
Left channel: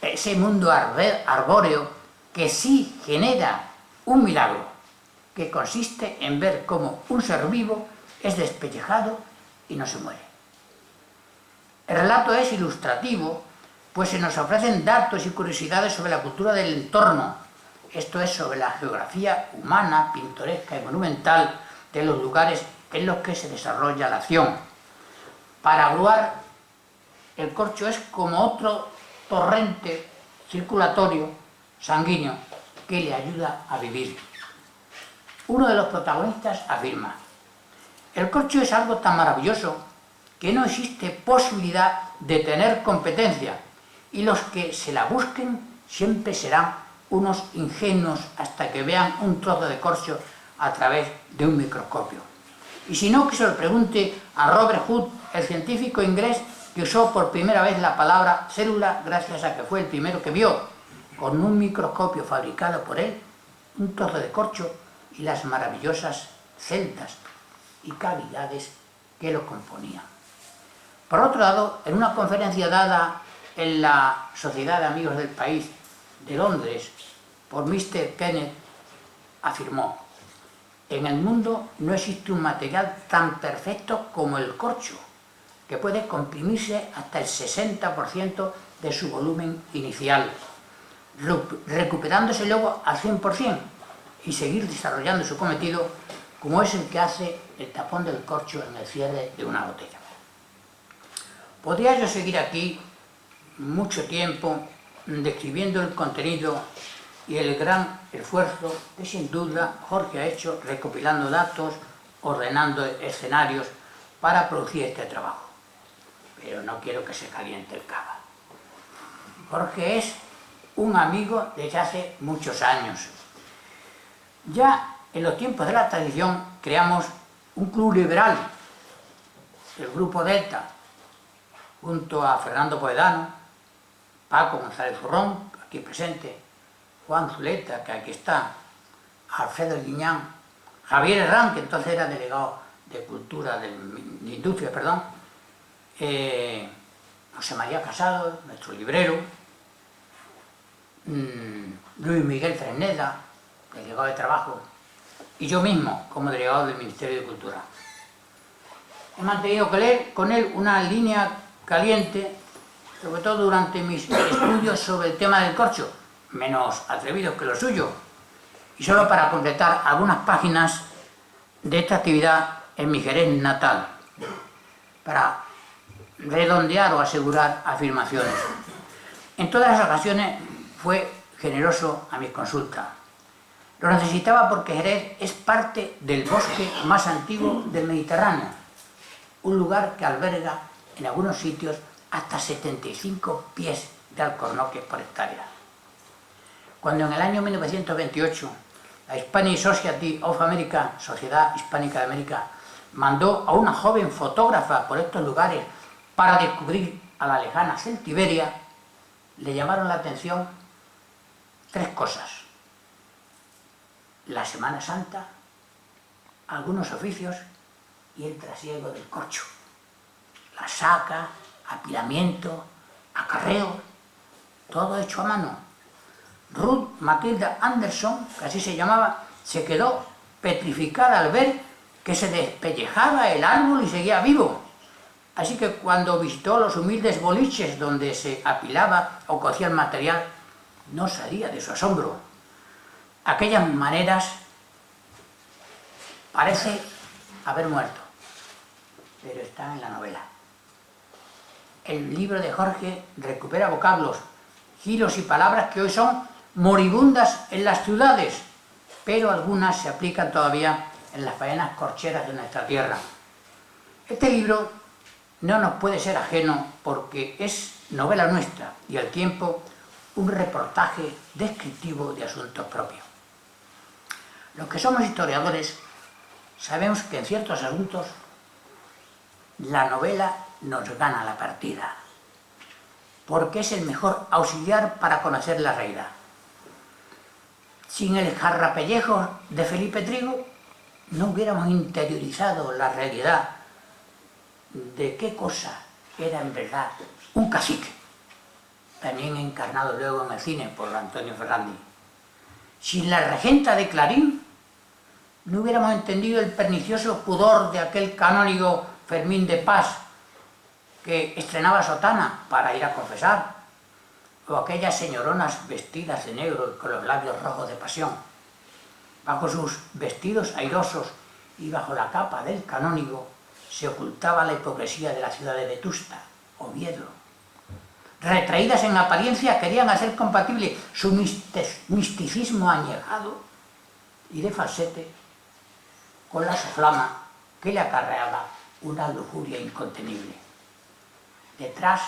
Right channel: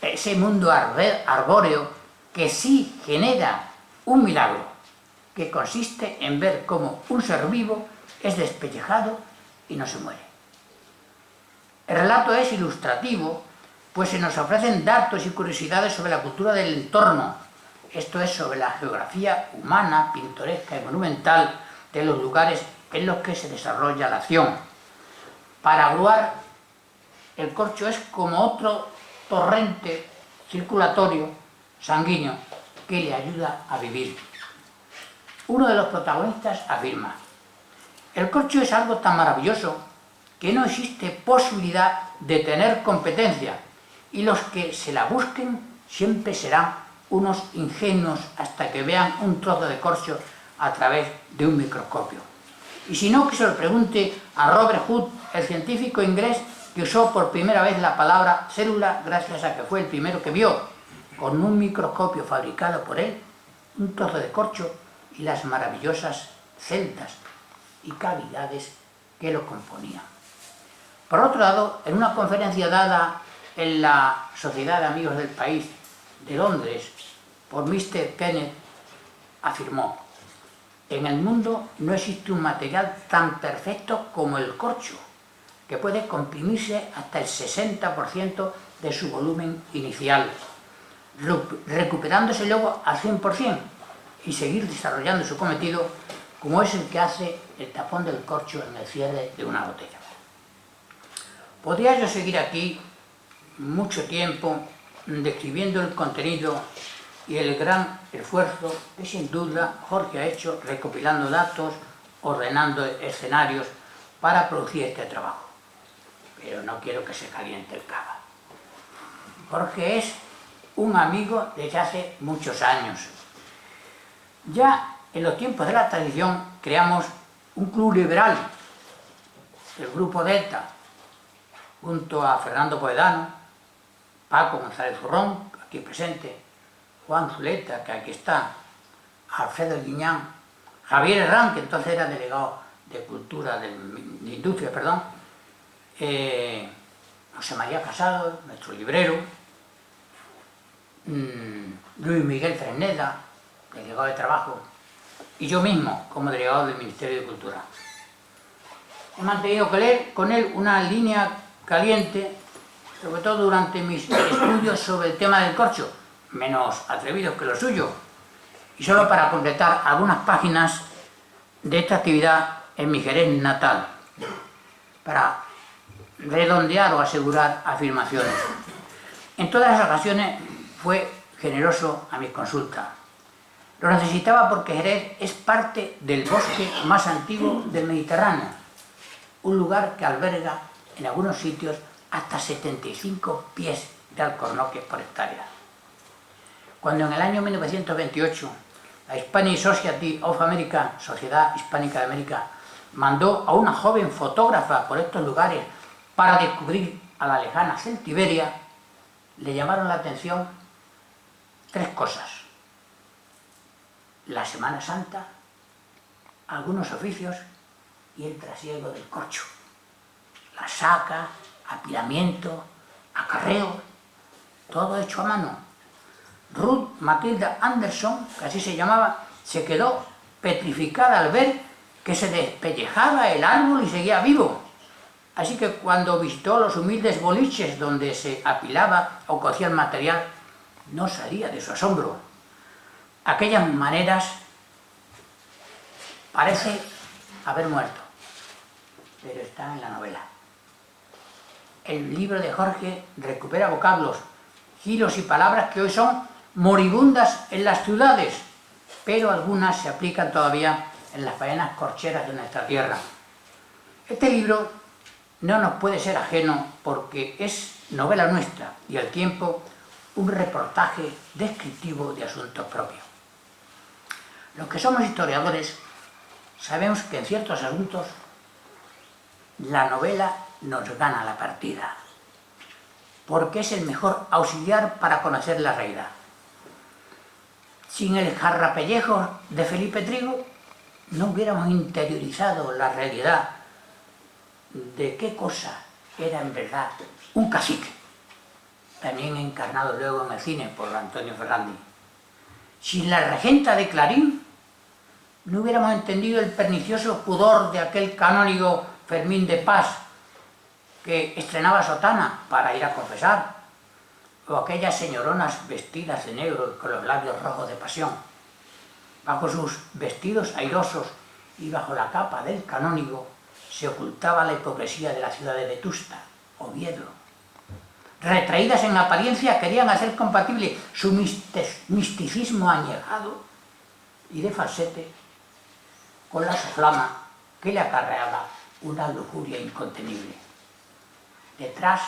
ese mundo arbóreo que sí genera un milagro, que consiste en ver cómo un ser vivo es despellejado y no se muere. El relato es ilustrativo, pues se nos ofrecen datos y curiosidades sobre la cultura del entorno, esto es, sobre la geografía humana, pintoresca y monumental de los lugares en los que se desarrolla la acción. Para Gruart, el corcho es como otro torrente circulatorio sanguíneo que le ayuda a vivir. Uno de los protagonistas afirma: el corcho es algo tan maravilloso que no existe posibilidad de tener competencia y los que se la busquen siempre serán unos ingenuos hasta que vean un trozo de corcho a través de un microscopio. Y si no, que se lo pregunte a Robert Hood, el científico inglés que usó por primera vez la palabra célula gracias a que fue el primero que vio, con un microscopio fabricado por él, un trozo de corcho y las maravillosas celdas y cavidades que lo componían. Por otro lado, en una conferencia dada en la Sociedad de Amigos del País de Londres por Mr. Kenneth, afirmó: en el mundo no existe un material tan perfecto como el corcho, que puede comprimirse hasta el 60% de su volumen inicial, recuperándose luego al 100% y seguir desarrollando su cometido, como es el que hace el tapón del corcho en el cierre de una botella. Podría yo seguir aquí mucho tiempo describiendo el contenido y el gran esfuerzo que sin duda Jorge ha hecho recopilando datos, ordenando escenarios para producir este trabajo. Pero no quiero que se caliente el cava. Jorge es un amigo desde hace muchos años. Ya en los tiempos de la tradición creamos un club liberal, el Grupo Delta, junto a Fernando Poedano, Paco González Zurrón, aquí presente, Juan Zuleta, que aquí está, Alfredo Guiñán, Javier Herrán, que entonces era delegado de Cultura, de Industria, perdón, José María Casado, nuestro librero, Luis Miguel Fresneda, delegado de Trabajo, y yo mismo, como delegado del Ministerio de Cultura. He mantenido con él una línea caliente, sobre todo durante mis estudios sobre el tema del corcho, menos atrevidos que lo suyo. Y solo para completar algunas páginas de esta actividad en mi Jerez natal, para redondear o asegurar afirmaciones. En todas las ocasiones fue generoso a mis consultas. Lo necesitaba porque Jerez es parte del bosque más antiguo del Mediterráneo, un lugar que alberga en algunos sitios hasta 75 pies de alcornoques por hectárea. Cuando en el año 1928 la Hispanic Society of America, Sociedad Hispánica de América, mandó a una joven fotógrafa por estos lugares para descubrir a la lejana Celtiberia, le llamaron la atención tres cosas: la Semana Santa, algunos oficios y el trasiego del corcho. La saca, apilamiento, acarreo, todo hecho a mano. Ruth Matilda Anderson, que así se llamaba, se quedó petrificada al ver que se despellejaba el árbol y seguía vivo. Así que cuando visitó los humildes boliches donde se apilaba o cocía el material, no salía de su asombro. Aquellas maneras parece haber muerto, pero está en la novela. El libro de Jorge recupera vocablos, giros y palabras que hoy son moribundas en las ciudades, pero algunas se aplican todavía en las faenas corcheras de nuestra tierra. Este libro no nos puede ser ajeno porque es novela nuestra y al tiempo un reportaje descriptivo de asuntos propios. Los que somos historiadores sabemos que en ciertos asuntos la novela nos gana la partida, porque es el mejor auxiliar para conocer la realidad. Sin el jarrapellejo de Felipe Trigo no hubiéramos interiorizado la realidad de qué cosa era en verdad un cacique, también encarnado luego en el cine por Antonio Ferrandi. Sin la regenta de Clarín no hubiéramos entendido el pernicioso pudor de aquel canónigo Fermín de Paz que estrenaba sotana para ir a confesar, o aquellas señoronas vestidas de negro y con los labios rojos de pasión. Bajo sus vestidos airosos y bajo la capa del canónigo se ocultaba la hipocresía de la ciudad de Vetusta, Oviedo. Retraídas en apariencia, querían hacer compatible su misticismo añejado y de falsete con la soflama que le acarreaba una lujuria incontenible. Detrás,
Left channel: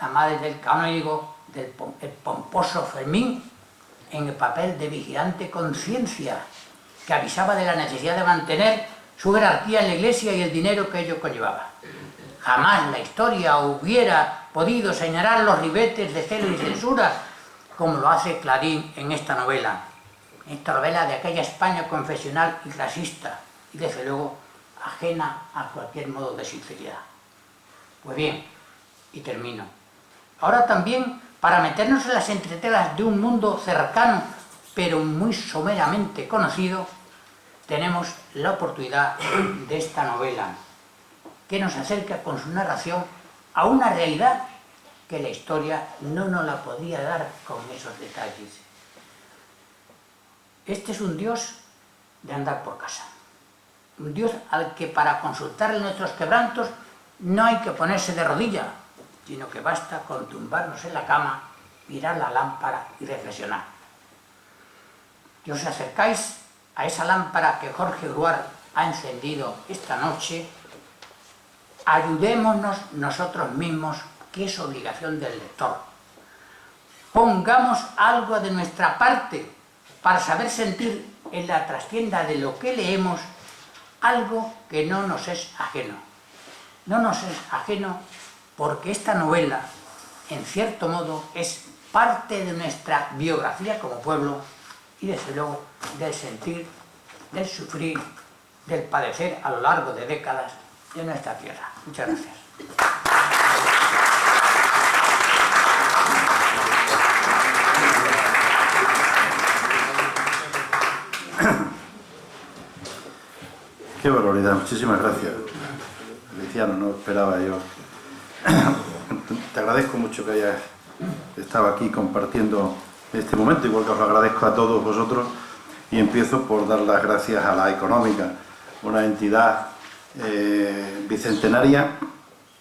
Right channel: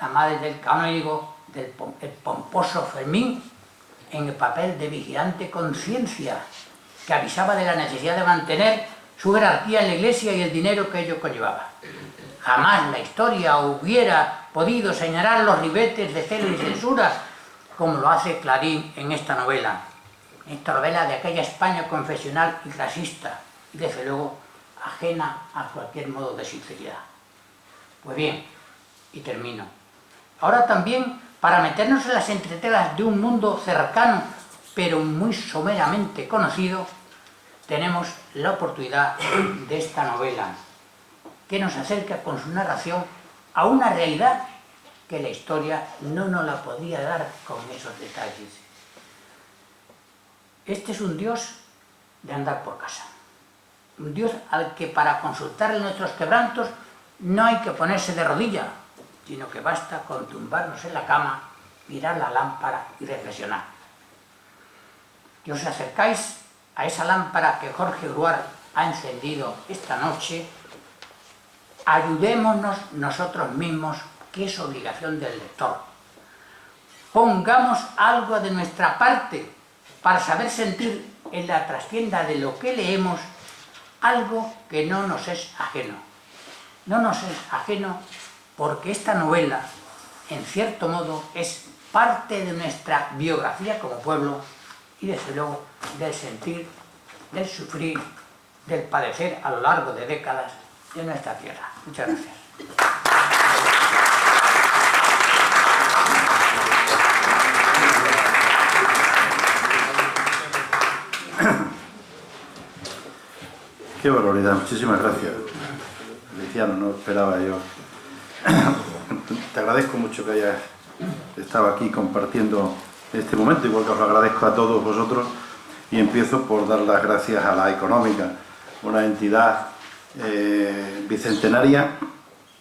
la madre del canónigo, el pomposo Fermín, en el papel de vigilante conciencia, que avisaba de la necesidad de mantener su jerarquía en la iglesia y el dinero que ello conllevaba. Jamás la historia hubiera podido señalar los ribetes de celo y censura como lo hace Clarín en esta novela de aquella España confesional y clasista y desde luego ajena a cualquier modo de sinceridad. Pues bien, y termino. Ahora también, para meternos en las entretelas de un mundo cercano pero muy someramente conocido, tenemos la oportunidad de esta novela, que nos acerca con su narración a una realidad que la historia no nos la podía dar con esos detalles. Este es un Dios de andar por casa, un Dios al que para consultarle nuestros quebrantos no hay que ponerse de rodillas, sino que basta con tumbarnos en la cama, mirar la lámpara y reflexionar. Y os acercáis a esa lámpara que Jorge Gruar ha encendido esta noche, ayudémonos nosotros mismos, que es obligación del lector. Pongamos algo de nuestra parte para saber sentir en la trastienda de lo que leemos algo que no nos es ajeno. No nos es ajeno porque esta novela, en cierto modo, es parte de nuestra biografía como pueblo y desde luego del sentir, del sufrir, del padecer a lo largo de décadas de nuestra tierra. Muchas gracias. Qué barbaridad, muchísimas gracias, Feliciano, no esperaba yo. Te agradezco mucho que hayas estado aquí compartiendo este momento, igual que os lo agradezco a todos vosotros, y empiezo por dar las gracias a La Económica, una entidad bicentenaria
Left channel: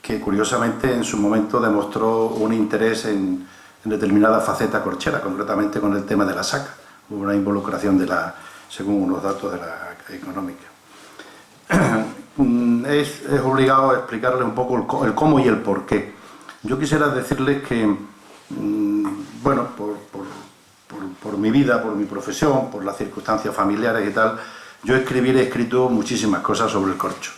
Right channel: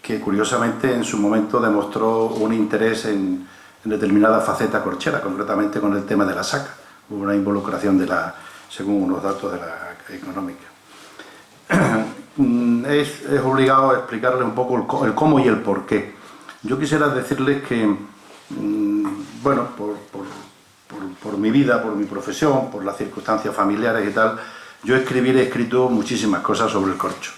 que curiosamente en su momento demostró un interés en determinada faceta corchera, concretamente con el tema de la saca. Hubo una involucración según unos datos de La Económica. Es obligado a explicarles un poco el cómo y el por qué. Yo quisiera decirles que, bueno, por mi vida, por mi profesión, por las circunstancias familiares y tal, yo he escrito muchísimas cosas sobre el corcho,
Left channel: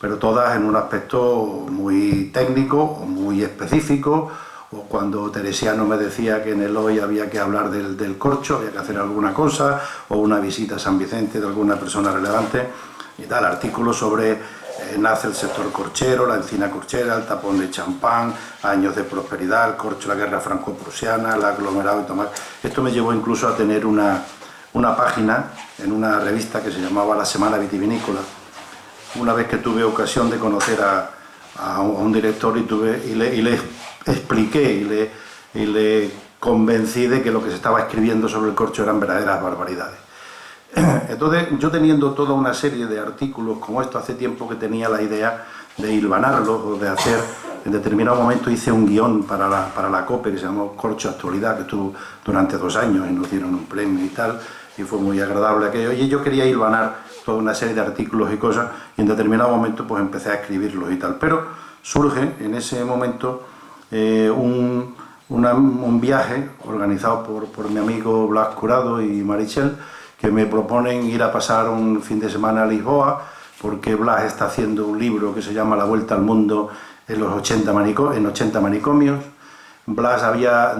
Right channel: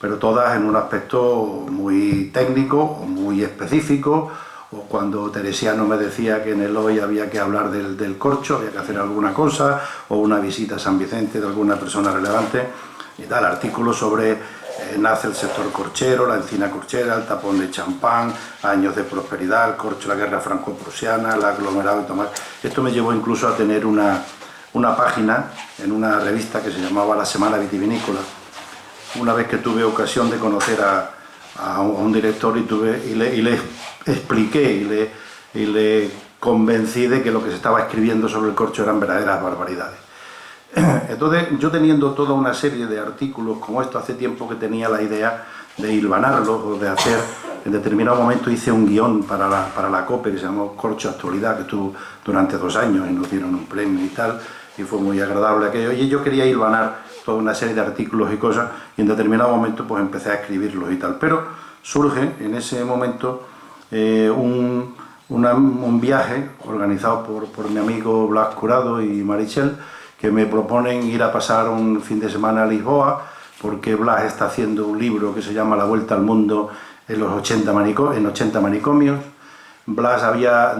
pero todas en un aspecto muy técnico o muy específico, o cuando Teresiano me decía que en el hoy había que hablar del corcho, había que hacer alguna cosa, o una visita a San Vicente de alguna persona relevante, y tal, artículos sobre nace el sector corchero, la encina corchera, el tapón de champán, años de prosperidad, el corcho, la guerra franco-prusiana, el aglomerado de Tomás. Esto me llevó incluso a tener una página en una revista que se llamaba La Semana Vitivinícola. Una vez que tuve ocasión de conocer a un director y le expliqué y le convencí de que lo que se estaba escribiendo sobre el corcho eran verdaderas barbaridades. Entonces, yo teniendo toda una serie de artículos como esto, hace tiempo que tenía la idea de hilvanarlos o de hacer, en determinado momento hice un guión para la COPE que se llamó Corcho Actualidad, que estuvo durante 2 años y nos dieron un premio y tal, y fue muy agradable aquello. Y yo quería hilvanar toda una serie de artículos y cosas, y en determinado momento pues empecé a escribirlos y tal. Pero surge en ese momento un viaje organizado por mi amigo Blas Curado y Marichel, que me proponen ir a pasar un fin de semana a Lisboa, porque Blas está haciendo un libro que se llama La Vuelta al Mundo en 80 manicomios. Blas había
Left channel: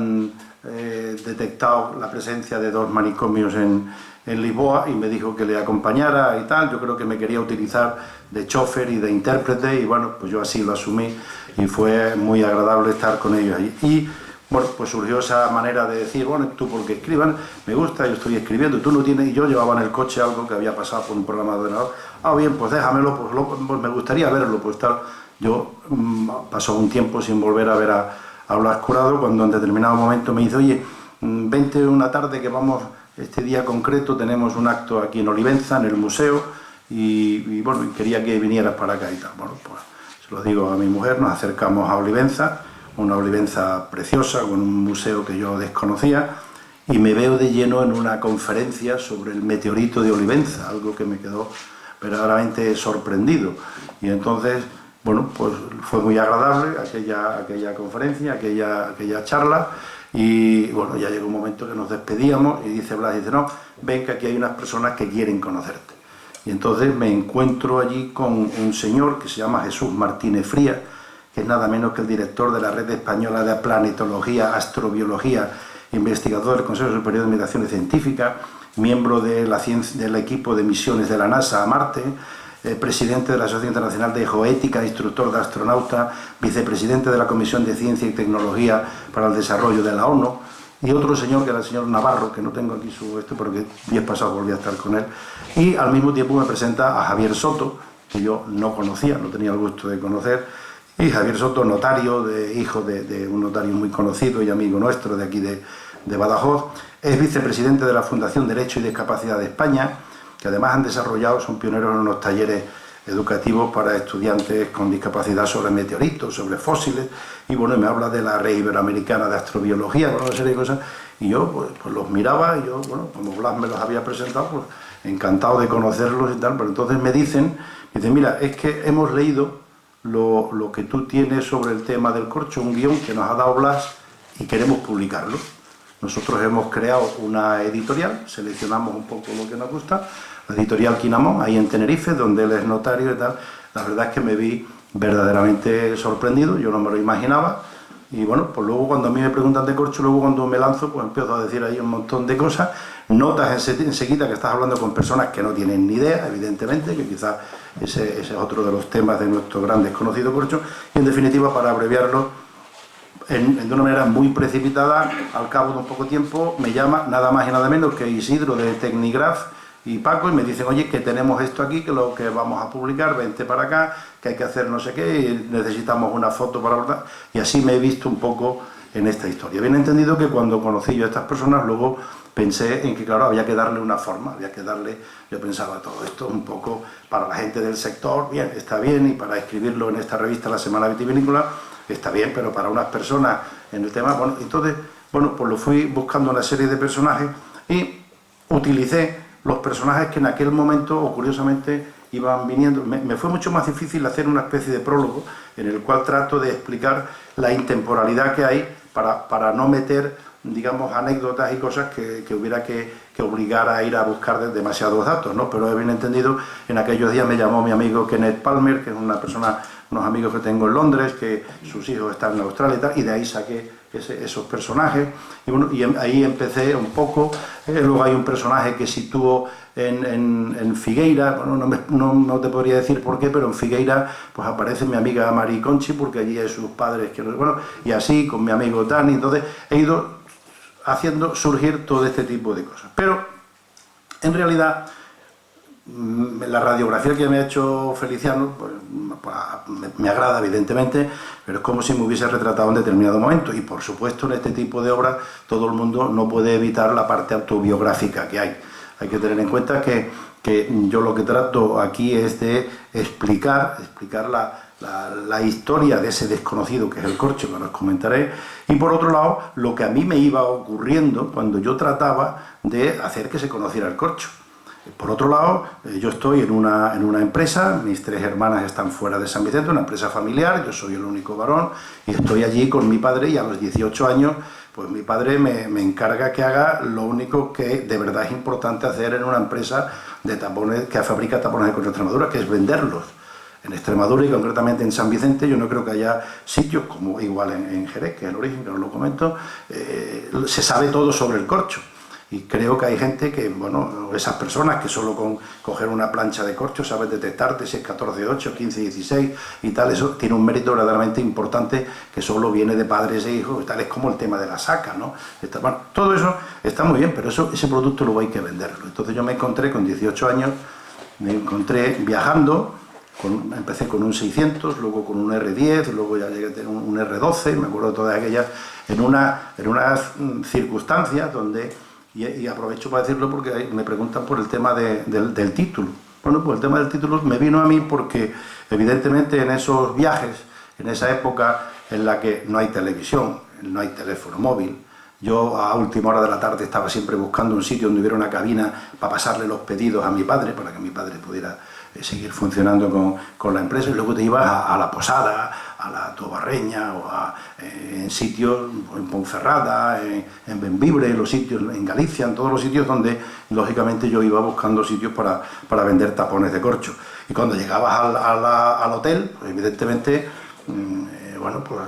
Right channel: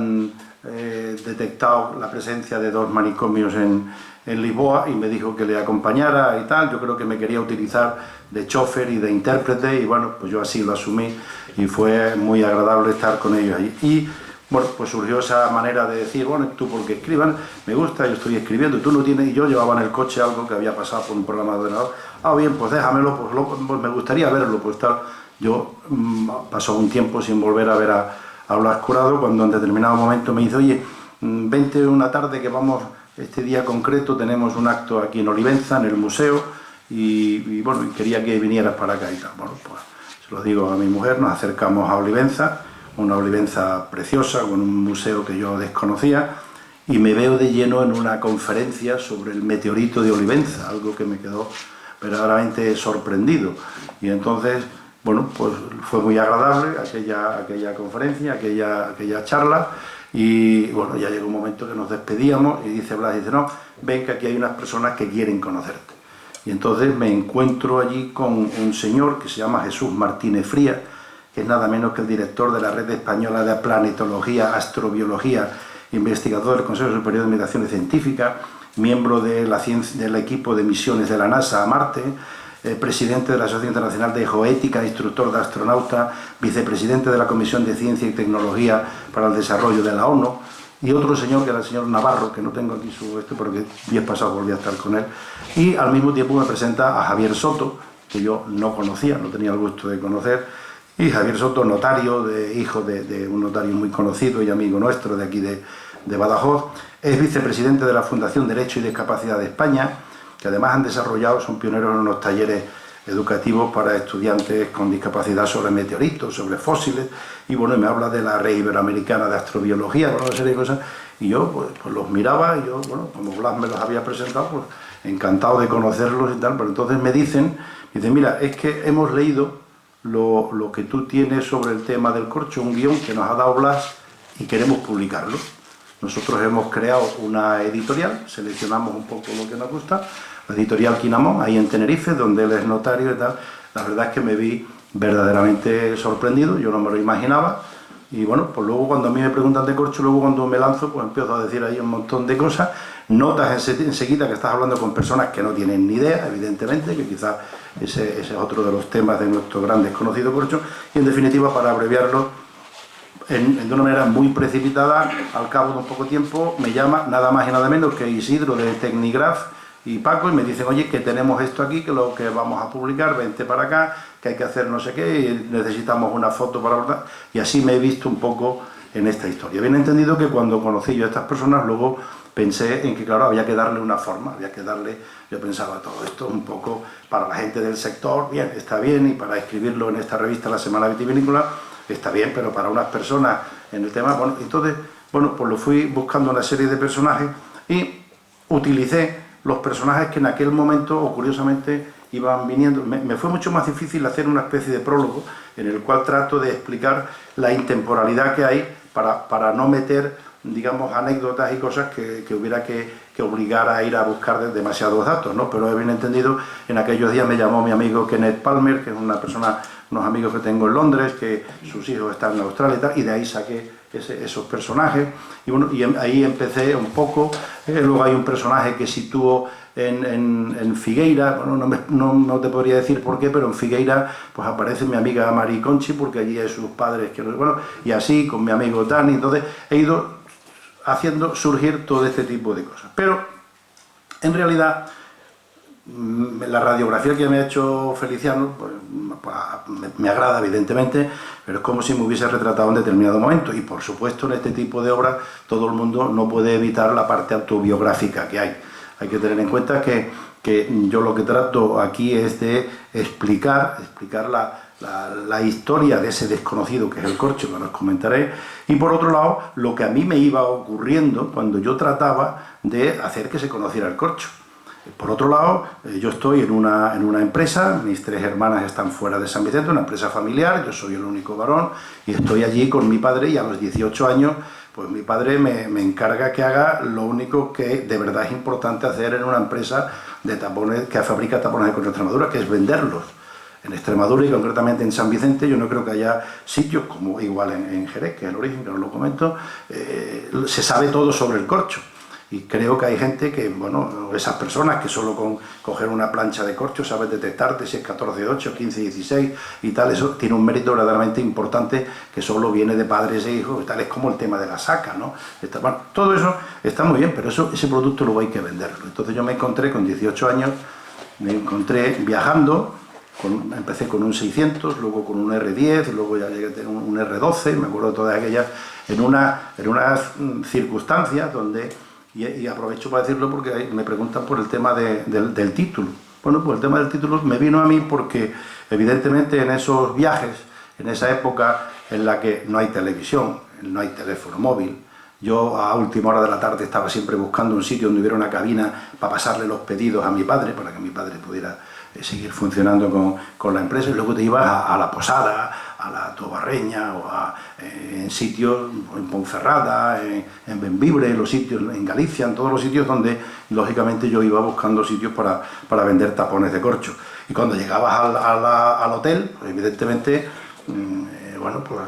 detectado la presencia de 2 manicomios en Lisboa y me dijo que le acompañara y tal. Yo creo que me quería utilizar de chofer y de intérprete, y bueno, pues yo así lo asumí y fue muy agradable estar con ellos allí. Y bueno, pues surgió esa manera de decir, bueno, tú porque escriban, me gusta, yo estoy escribiendo, tú no tienes, y yo llevaba en el coche algo que había pasado por un programa de ordenador. Ah, bien, pues déjamelo, pues me gustaría verlo, pues tal. Yo pasó un tiempo sin volver a ver a Blas Curado, cuando en determinado momento me dice, oye, vente una tarde que vamos, este día concreto tenemos un acto aquí en Olivenza, en el museo, y bueno, quería que vinieras para acá y tal. Bueno, pues se lo digo a mi mujer, nos acercamos a Olivenza, una Olivenza preciosa, con un museo que yo desconocía, y me veo de lleno en una conferencia sobre el meteorito de Olivenza, algo que me quedó verdaderamente sorprendido. Y entonces, bueno, pues fue muy agradable aquella conferencia, aquella charla, y bueno, ya llegó un momento que nos despedíamos y dice Blas, dice, no, ven que aquí hay unas personas que quieren conocerte. Y entonces me encuentro allí con un señor que se llama Jesús Martínez Frías, que es nada menos que el director de la Red Española de Planetología, Astrobiología, investigador del Consejo Superior de Investigaciones Científicas, miembro del equipo de misiones de la NASA a Marte, presidente de la Asociación Internacional de Geoética, instructor de astronautas, vicepresidente de la Comisión de Ciencia y Tecnología para el Desarrollo de la ONU, y otro señor que era el señor Navarro, que no tengo aquí porque días pasados volví a estar con él, y al mismo tiempo me presenta a Javier Soto, que yo no conocía, no tenía el gusto de conocer. Y Javier Soto, notario, hijo de un notario muy conocido y amigo nuestro de aquí de Badajoz, es vicepresidente de la Fundación Derecho y Discapacidad de España, que además han desarrollado, son pioneros en unos talleres educativos para estudiantes con discapacidad sobre meteoritos, sobre fósiles, y bueno, me habla de la Red Iberoamericana de Astrobiología, con una serie de cosas, y yo pues los miraba, y yo, bueno, como Blas me los había presentado, pues encantado de conocerlos y tal, pero entonces me dicen, mira, es que hemos leído lo que tú tienes sobre el tema del corcho, un guión que nos ha dado Blas y queremos publicarlo. Nosotros hemos creado una editorial, seleccionamos un poco lo que nos gusta, la editorial Quinamón, ahí en Tenerife, donde él es notario y tal. La verdad es que me vi verdaderamente sorprendido, yo no me lo imaginaba, y bueno, pues luego cuando a mí me preguntan de corcho, luego cuando me lanzo, pues empiezo a decir ahí un montón de cosas, notas enseguida que estás hablando con personas que no tienen ni idea, evidentemente, que quizás ese es otro de los temas de nuestro gran desconocido corcho, y en definitiva, para abreviarlo, de una manera muy precipitada, al cabo de un poco tiempo, me llama nada más y nada menos que Isidro de Tecnigraph y Paco, y me dicen, oye, que tenemos esto aquí, que lo que vamos a publicar, vente para acá, que hay que hacer no sé qué, y necesitamos una foto para abordar, y así me he visto un poco en esta historia. Bien entendido que cuando conocí yo a estas personas, luego pensé en que, claro, había que darle una forma, había que darle, yo pensaba, todo esto un poco para la gente del sector, bien, está bien, y para escribirlo en esta revista, La Semana Vitivinícola, está bien, pero para unas personas en el tema, bueno, entonces, bueno, pues lo fui buscando una serie de personajes y utilicé los personajes que en aquel momento, o curiosamente, iban viniendo. Me fue mucho más difícil hacer una especie de prólogo en el cual trato de explicar la intemporalidad que hay para no meter, digamos, anécdotas y cosas que hubiera que obligar a ir a buscar demasiados datos, ¿no? Pero bien entendido, en aquellos días me llamó mi amigo Kenneth Palmer, que es una persona, unos amigos que tengo en Londres, que sus hijos están en Australia y tal, y de ahí saqué esos personajes, y bueno, ahí empecé un poco. Luego hay un personaje que sitúo en Figueira, bueno, no te podría decir por qué, pero en Figueira pues aparece mi amiga Mari Conchi, porque allí hay sus padres, bueno, y así con mi amigo Dani. Entonces he ido haciendo surgir todo este tipo de cosas. Pero en realidad la radiografía que me ha hecho Feliciano pues, me agrada evidentemente, pero es como si me hubiese retratado en determinado momento, y por supuesto en este tipo de obras todo el mundo no puede evitar la parte autobiográfica que hay. Hay que tener en cuenta que yo lo que trato aquí es de explicar la historia de ese desconocido que es el corcho, que os comentaré, y por otro lado lo que a mí me iba ocurriendo cuando yo trataba de hacer que se conociera el corcho. Por otro lado, yo estoy en una empresa, mis 3 hermanas están fuera de San Vicente, una empresa familiar, yo soy el único varón, y estoy allí con mi padre, y a los 18 años, pues mi padre me encarga que haga lo único que de verdad es importante hacer en una empresa de tapones, que fabrica tapones de corcho de Extremadura, que es venderlos. En Extremadura y concretamente en San Vicente, yo no creo que haya sitios como igual en Jerez, que es el origen, que os lo comento, se sabe todo sobre el corcho. Y creo que hay gente que, bueno, esas personas que solo con coger una plancha de corcho saben detectarte si es 14-8, 15-16 y tal, eso tiene un mérito verdaderamente importante que solo viene de padres e hijos y tal, es como el tema de la saca, ¿no? Bueno, todo eso está muy bien, pero ese producto luego hay que venderlo. Entonces yo me encontré con 18 años, me encontré viajando, empecé con un 600, luego con un R10, luego ya llegué a tener un R12, me acuerdo de todas aquellas, en unas circunstancias donde... Y aprovecho para decirlo porque me preguntan por el tema del título. Bueno, pues el tema del título me vino a mí porque evidentemente en esos viajes, en esa época en la que no hay televisión, no hay teléfono móvil, yo a última hora de la tarde estaba siempre buscando un sitio donde hubiera una cabina para pasarle los pedidos a mi padre, para que mi padre pudiera seguir funcionando con la empresa, y luego te ibas a la Posada, a la Tobarreña, o en sitios, en Ponferrada, en Bembibre, en los sitios, en Galicia, en todos los sitios donde lógicamente yo iba buscando sitios para vender tapones de corcho. Y cuando llegabas al hotel, pues, evidentemente, bueno, pues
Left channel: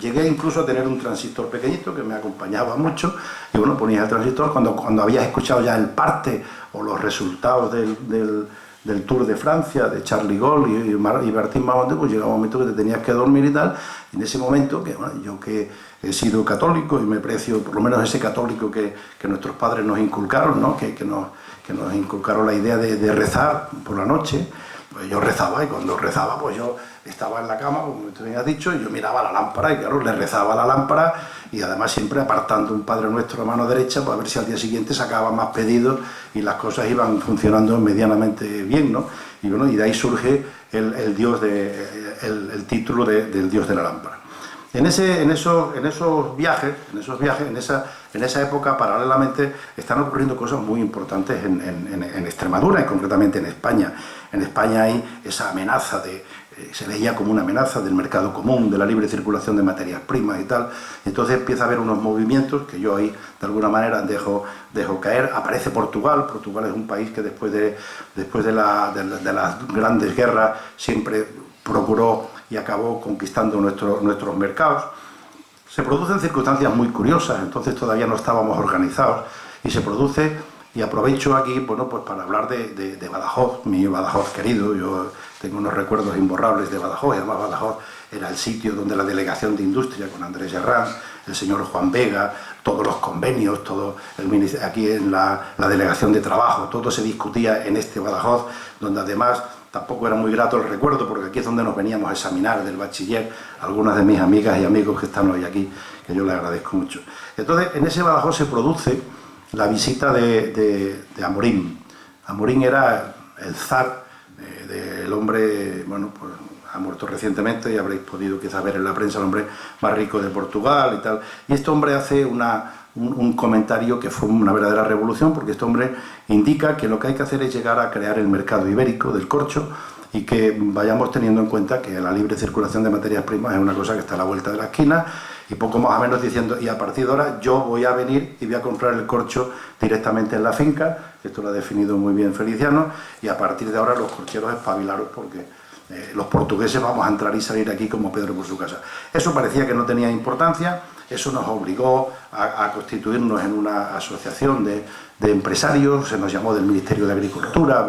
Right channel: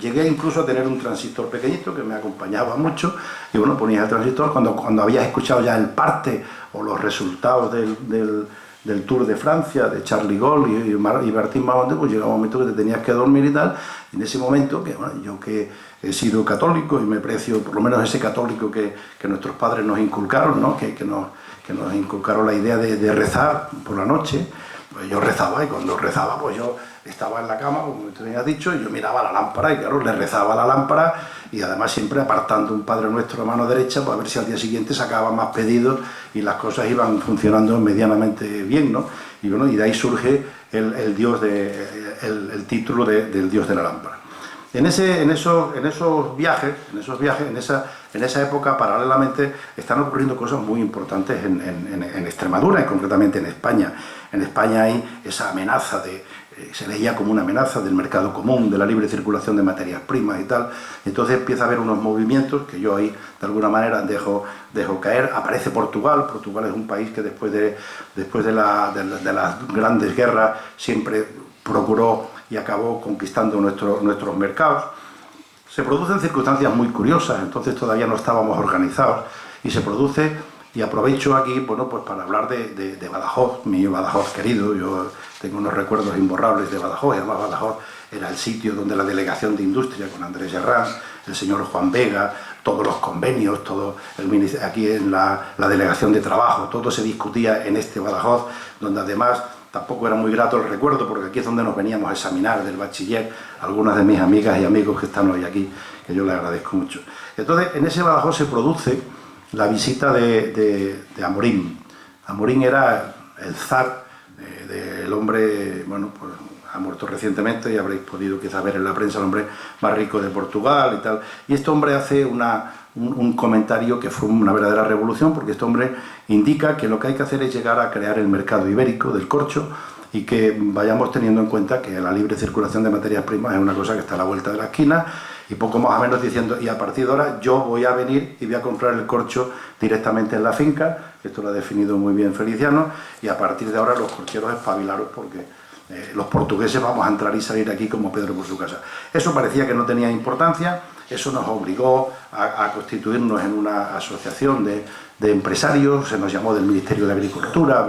llegué incluso a tener un transistor pequeñito que me acompañaba mucho, y bueno, ponías el transistor cuando habías escuchado ya el parte o los resultados del Tour de Francia, de Charles Gaulle y Martín Mamonte, pues llegaba un momento que te tenías que dormir y tal, y en ese momento, que bueno, yo que he sido católico y me precio por lo menos ese católico que nuestros padres nos inculcaron, ¿no? que nos inculcaron la idea de rezar por la noche, pues yo rezaba, y cuando rezaba pues yo estaba en la cama, como te había dicho, y yo miraba la lámpara, y claro, le rezaba a la lámpara, y además siempre apartando un Padre Nuestro a mano derecha, para ver si al día siguiente sacaba más pedidos y las cosas iban funcionando medianamente bien, ¿no? Y bueno, y de ahí surge el título del Dios de la lámpara. En esos viajes, en esa época, paralelamente, están ocurriendo cosas muy importantes en Extremadura y concretamente en España. En España hay esa amenaza se veía como una amenaza del mercado común, de la libre circulación de materias primas y tal. Y entonces empieza a haber unos movimientos que yo ahí, de alguna manera, dejo caer. Aparece Portugal. Portugal es un país que después de las grandes guerras siempre procuró y acabó conquistando nuestros mercados. Se producen circunstancias muy curiosas, entonces todavía no estábamos organizados, y se produce, y aprovecho aquí, bueno, pues para hablar de Badajoz, mi Badajoz querido. Yo tengo unos recuerdos imborrables de Badajoz, y además Badajoz era el sitio donde la delegación de industria con Andrés Herrán, el señor Juan Vega, todos los convenios, aquí en la delegación de trabajo, todo se discutía en este Badajoz, donde además tampoco era muy grato el recuerdo, porque aquí es donde nos veníamos a examinar del bachiller, algunas de mis amigas y amigos que están hoy aquí, que yo les agradezco mucho. Entonces, en ese Badajoz se produce la visita de Amorín. Amorín era el zar del hombre, bueno, pues ha muerto recientemente y habréis podido quizás ver en la prensa, el hombre más rico de Portugal y tal. Y este hombre hace un comentario que fue una verdadera revolución, porque este hombre indica que lo que hay que hacer es llegar a crear el mercado ibérico del corcho y que vayamos teniendo en cuenta que la libre circulación de materias primas es una cosa que está a la vuelta de la esquina, y poco más o menos diciendo, y a partir de ahora yo voy a venir y voy a comprar el corcho directamente en la finca, esto lo ha definido muy bien Feliciano, y a partir de ahora los corcheros espabilaros, porque los portugueses vamos a entrar y salir aquí como Pedro por su casa. Eso parecía que no tenía importancia. Eso nos obligó a constituirnos en una asociación de empresarios, se nos llamó del Ministerio de Agricultura,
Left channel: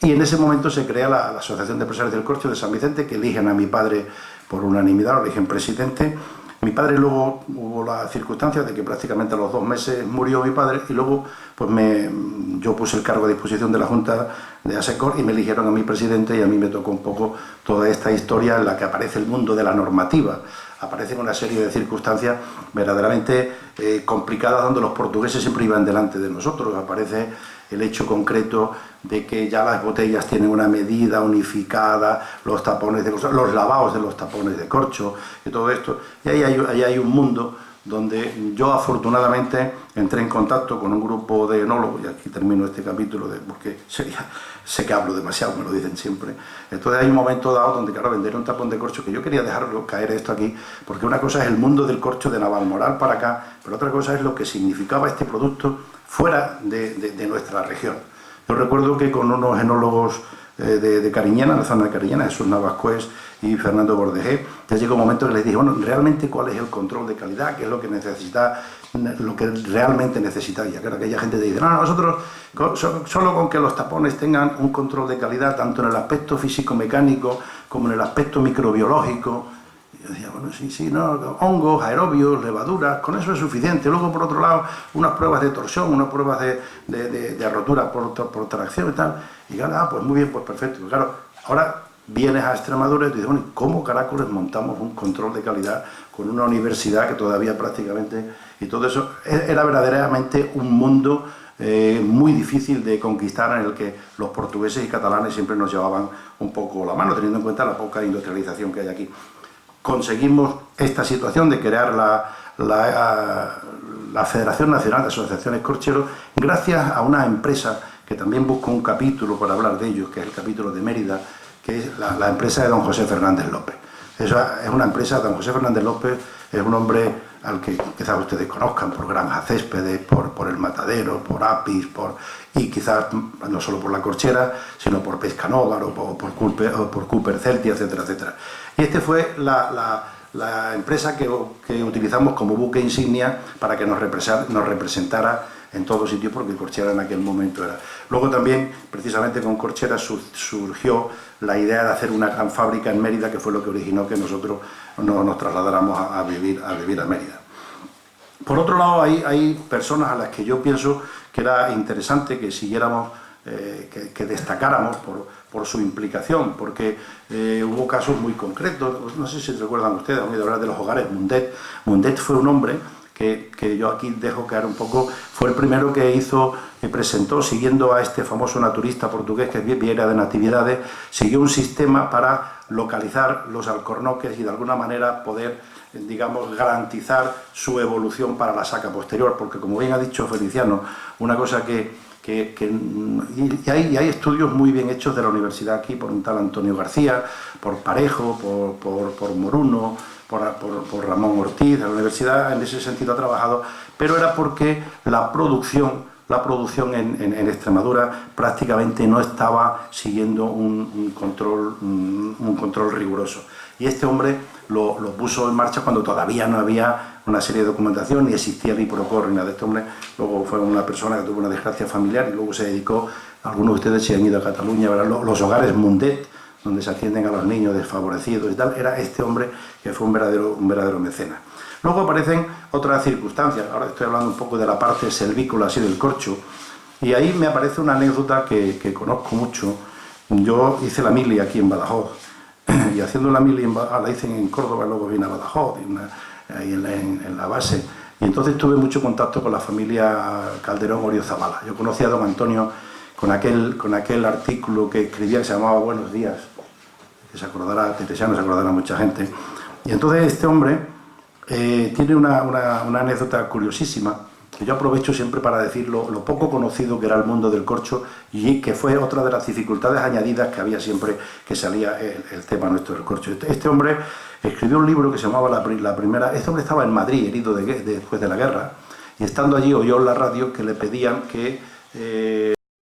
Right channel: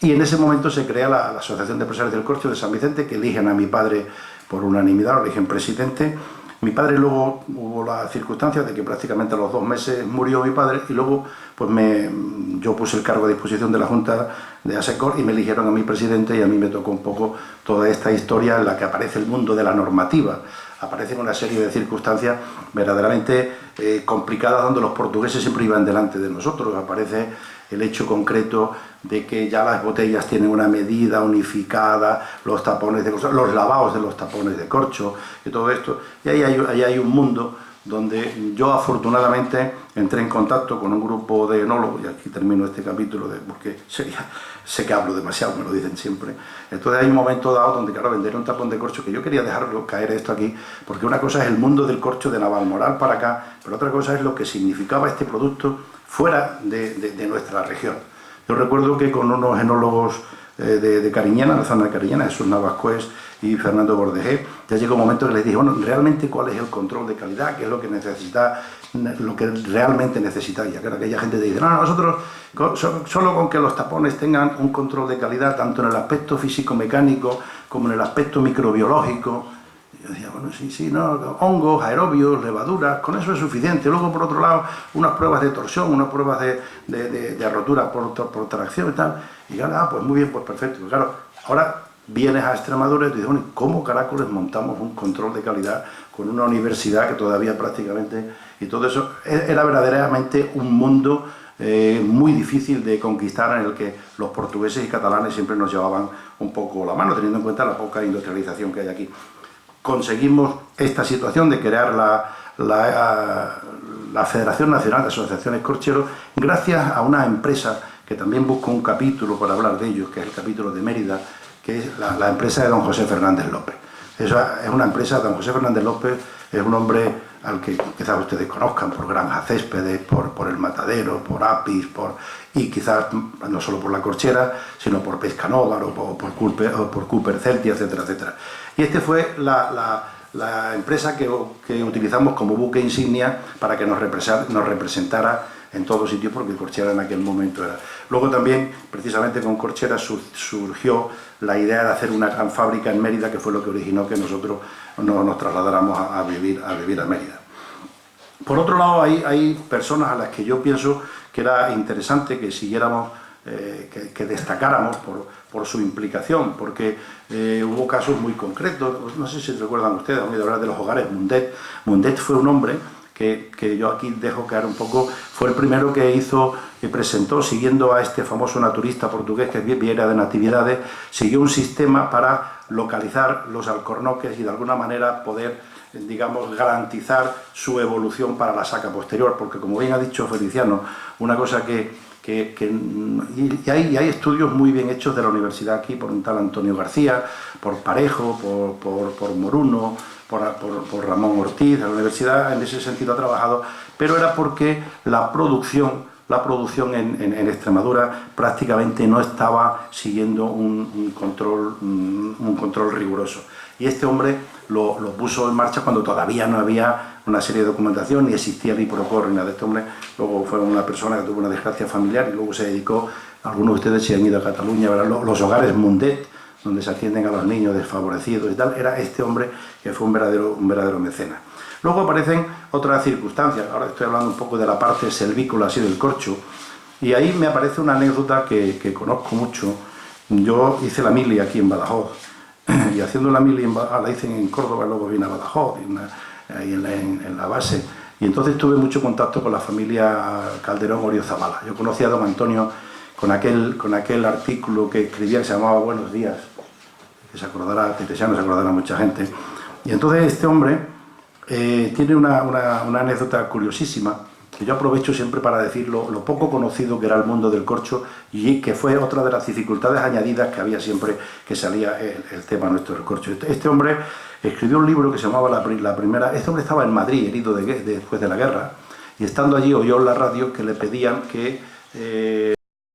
y en ese momento se crea la Asociación de Empresarios del Corcho de San Vicente, que eligen a mi padre por unanimidad, lo eligen presidente. Mi padre, luego hubo la circunstancia de que prácticamente a los 2 meses murió mi padre, y luego pues yo puse el cargo a disposición de la Junta de ASECOR y me eligieron a mí presidente, y a mí me tocó un poco toda esta historia en la que aparece el mundo de la normativa. Aparecen una serie de circunstancias verdaderamente complicadas, donde los portugueses siempre iban delante de nosotros. Aparece el hecho concreto de que ya las botellas tienen una medida unificada, los tapones de corcho, los lavados de los tapones de corcho y todo esto. Y ahí hay un mundo donde yo afortunadamente entré en contacto con un grupo de enólogos, y aquí termino este capítulo porque sé que hablo demasiado, me lo dicen siempre. Entonces hay un momento dado donde, claro, vender un tapón de corcho, que yo quería dejarlo caer esto aquí, porque una cosa es el mundo del corcho de Navalmoral para acá, pero otra cosa es lo que significaba este producto fuera de nuestra región. Yo recuerdo que con unos enólogos de Cariñena, la zona de Cariñena, Jesús Navascués y Fernando Bordejé, ya llegó un momento que les dije, bueno, realmente cuál es el control de calidad, qué es lo que necesita, lo que realmente necesita. Y claro, aquella gente te dice, no, nosotros solo con que los tapones tengan un control de calidad, tanto en el aspecto físico-mecánico como en el aspecto microbiológico. Y yo decía, bueno, sí, no, hongos, aerobios, levaduras, con eso es suficiente. Luego, por otro lado, unas pruebas de torsión, unas pruebas de rotura por tracción y tal. Y claro, pues muy bien, pues perfecto. Y claro, ahora vienes a Extremadura y te dices, bueno, ¿cómo caracoles montamos un control de calidad con una universidad que todavía prácticamente... Y todo eso era verdaderamente un mundo muy difícil de conquistar, en el que los portugueses y catalanes siempre nos llevaban un poco la mano, teniendo en cuenta la poca industrialización que hay aquí. Conseguimos esta situación de crear la Federación Nacional de Asociaciones Corcheros, gracias a una empresa que también busco un capítulo para hablar de ellos, que es el capítulo de Mérida, que es la empresa de don José Fernández López. Esa es una empresa, don José Fernández López es un hombre al que quizás ustedes conozcan por Granja Céspedes, por El Matadero, por Apis, y quizás no solo por la corchera, sino por Pescanóvar o por Cooper Celtia, etcétera, etcétera. Y este fue la empresa que utilizamos como buque insignia para que nos representara en todo sitio, porque Corchera en aquel momento era. Luego también, precisamente con Corchera, surgió la idea de hacer una gran fábrica en Mérida, que fue lo que originó que nosotros nos trasladáramos a vivir a Mérida. Por otro lado, hay personas a las que yo pienso que era interesante que siguiéramos, que destacáramos por su implicación, porque hubo casos muy concretos. No sé si recuerdan ustedes, han oído hablar de los hogares Mundet. Mundet fue un hombre que yo aquí dejo caer un poco, fue el primero que hizo y presentó, siguiendo a este famoso naturista portugués que es Vieira de Natividades, siguió un sistema para localizar los alcornoques y de alguna manera poder, digamos, garantizar su evolución para la saca posterior, porque como bien ha dicho Feliciano, una cosa y hay estudios muy bien hechos de la universidad aquí, por un tal Antonio García, por Parejo, por Moruno, por Ramón Ortiz. La universidad en ese sentido ha trabajado, pero era porque la producción en Extremadura prácticamente no estaba siguiendo un control riguroso. Y este hombre lo puso en marcha cuando todavía no había una serie de documentación, ni existía el IPROCOR ni nada de este hombre. Luego fue una persona que tuvo una desgracia familiar y luego se dedicó, algunos de ustedes se han ido a Cataluña, ¿verdad? Los hogares Mundet, donde se atienden a los niños desfavorecidos y tal, era este hombre que fue un verdadero mecenas. Luego aparecen otras circunstancias, ahora estoy hablando un poco de la parte selvícola así del corcho, y ahí me aparece una anécdota que conozco mucho, Yo hice la mili aquí en Badajoz, y haciendo la mili la hice en Córdoba, luego vine a Badajoz, ahí en la base, y entonces tuve mucho contacto con la familia Calderón Oriozabala. Yo conocí a don Antonio con aquel artículo que escribía que se llamaba Buenos Días, que se acordará, Teresiano se acordará mucha gente, y entonces este hombre tiene una anécdota curiosísima, que yo aprovecho siempre para decir lo poco conocido que era el mundo del corcho, y que fue otra de las dificultades añadidas que había siempre que salía el tema nuestro del corcho. Este hombre escribió un libro que se llamaba La Primera... Este hombre estaba en Madrid, herido después de la guerra, y estando allí oyó en la radio que le pedían que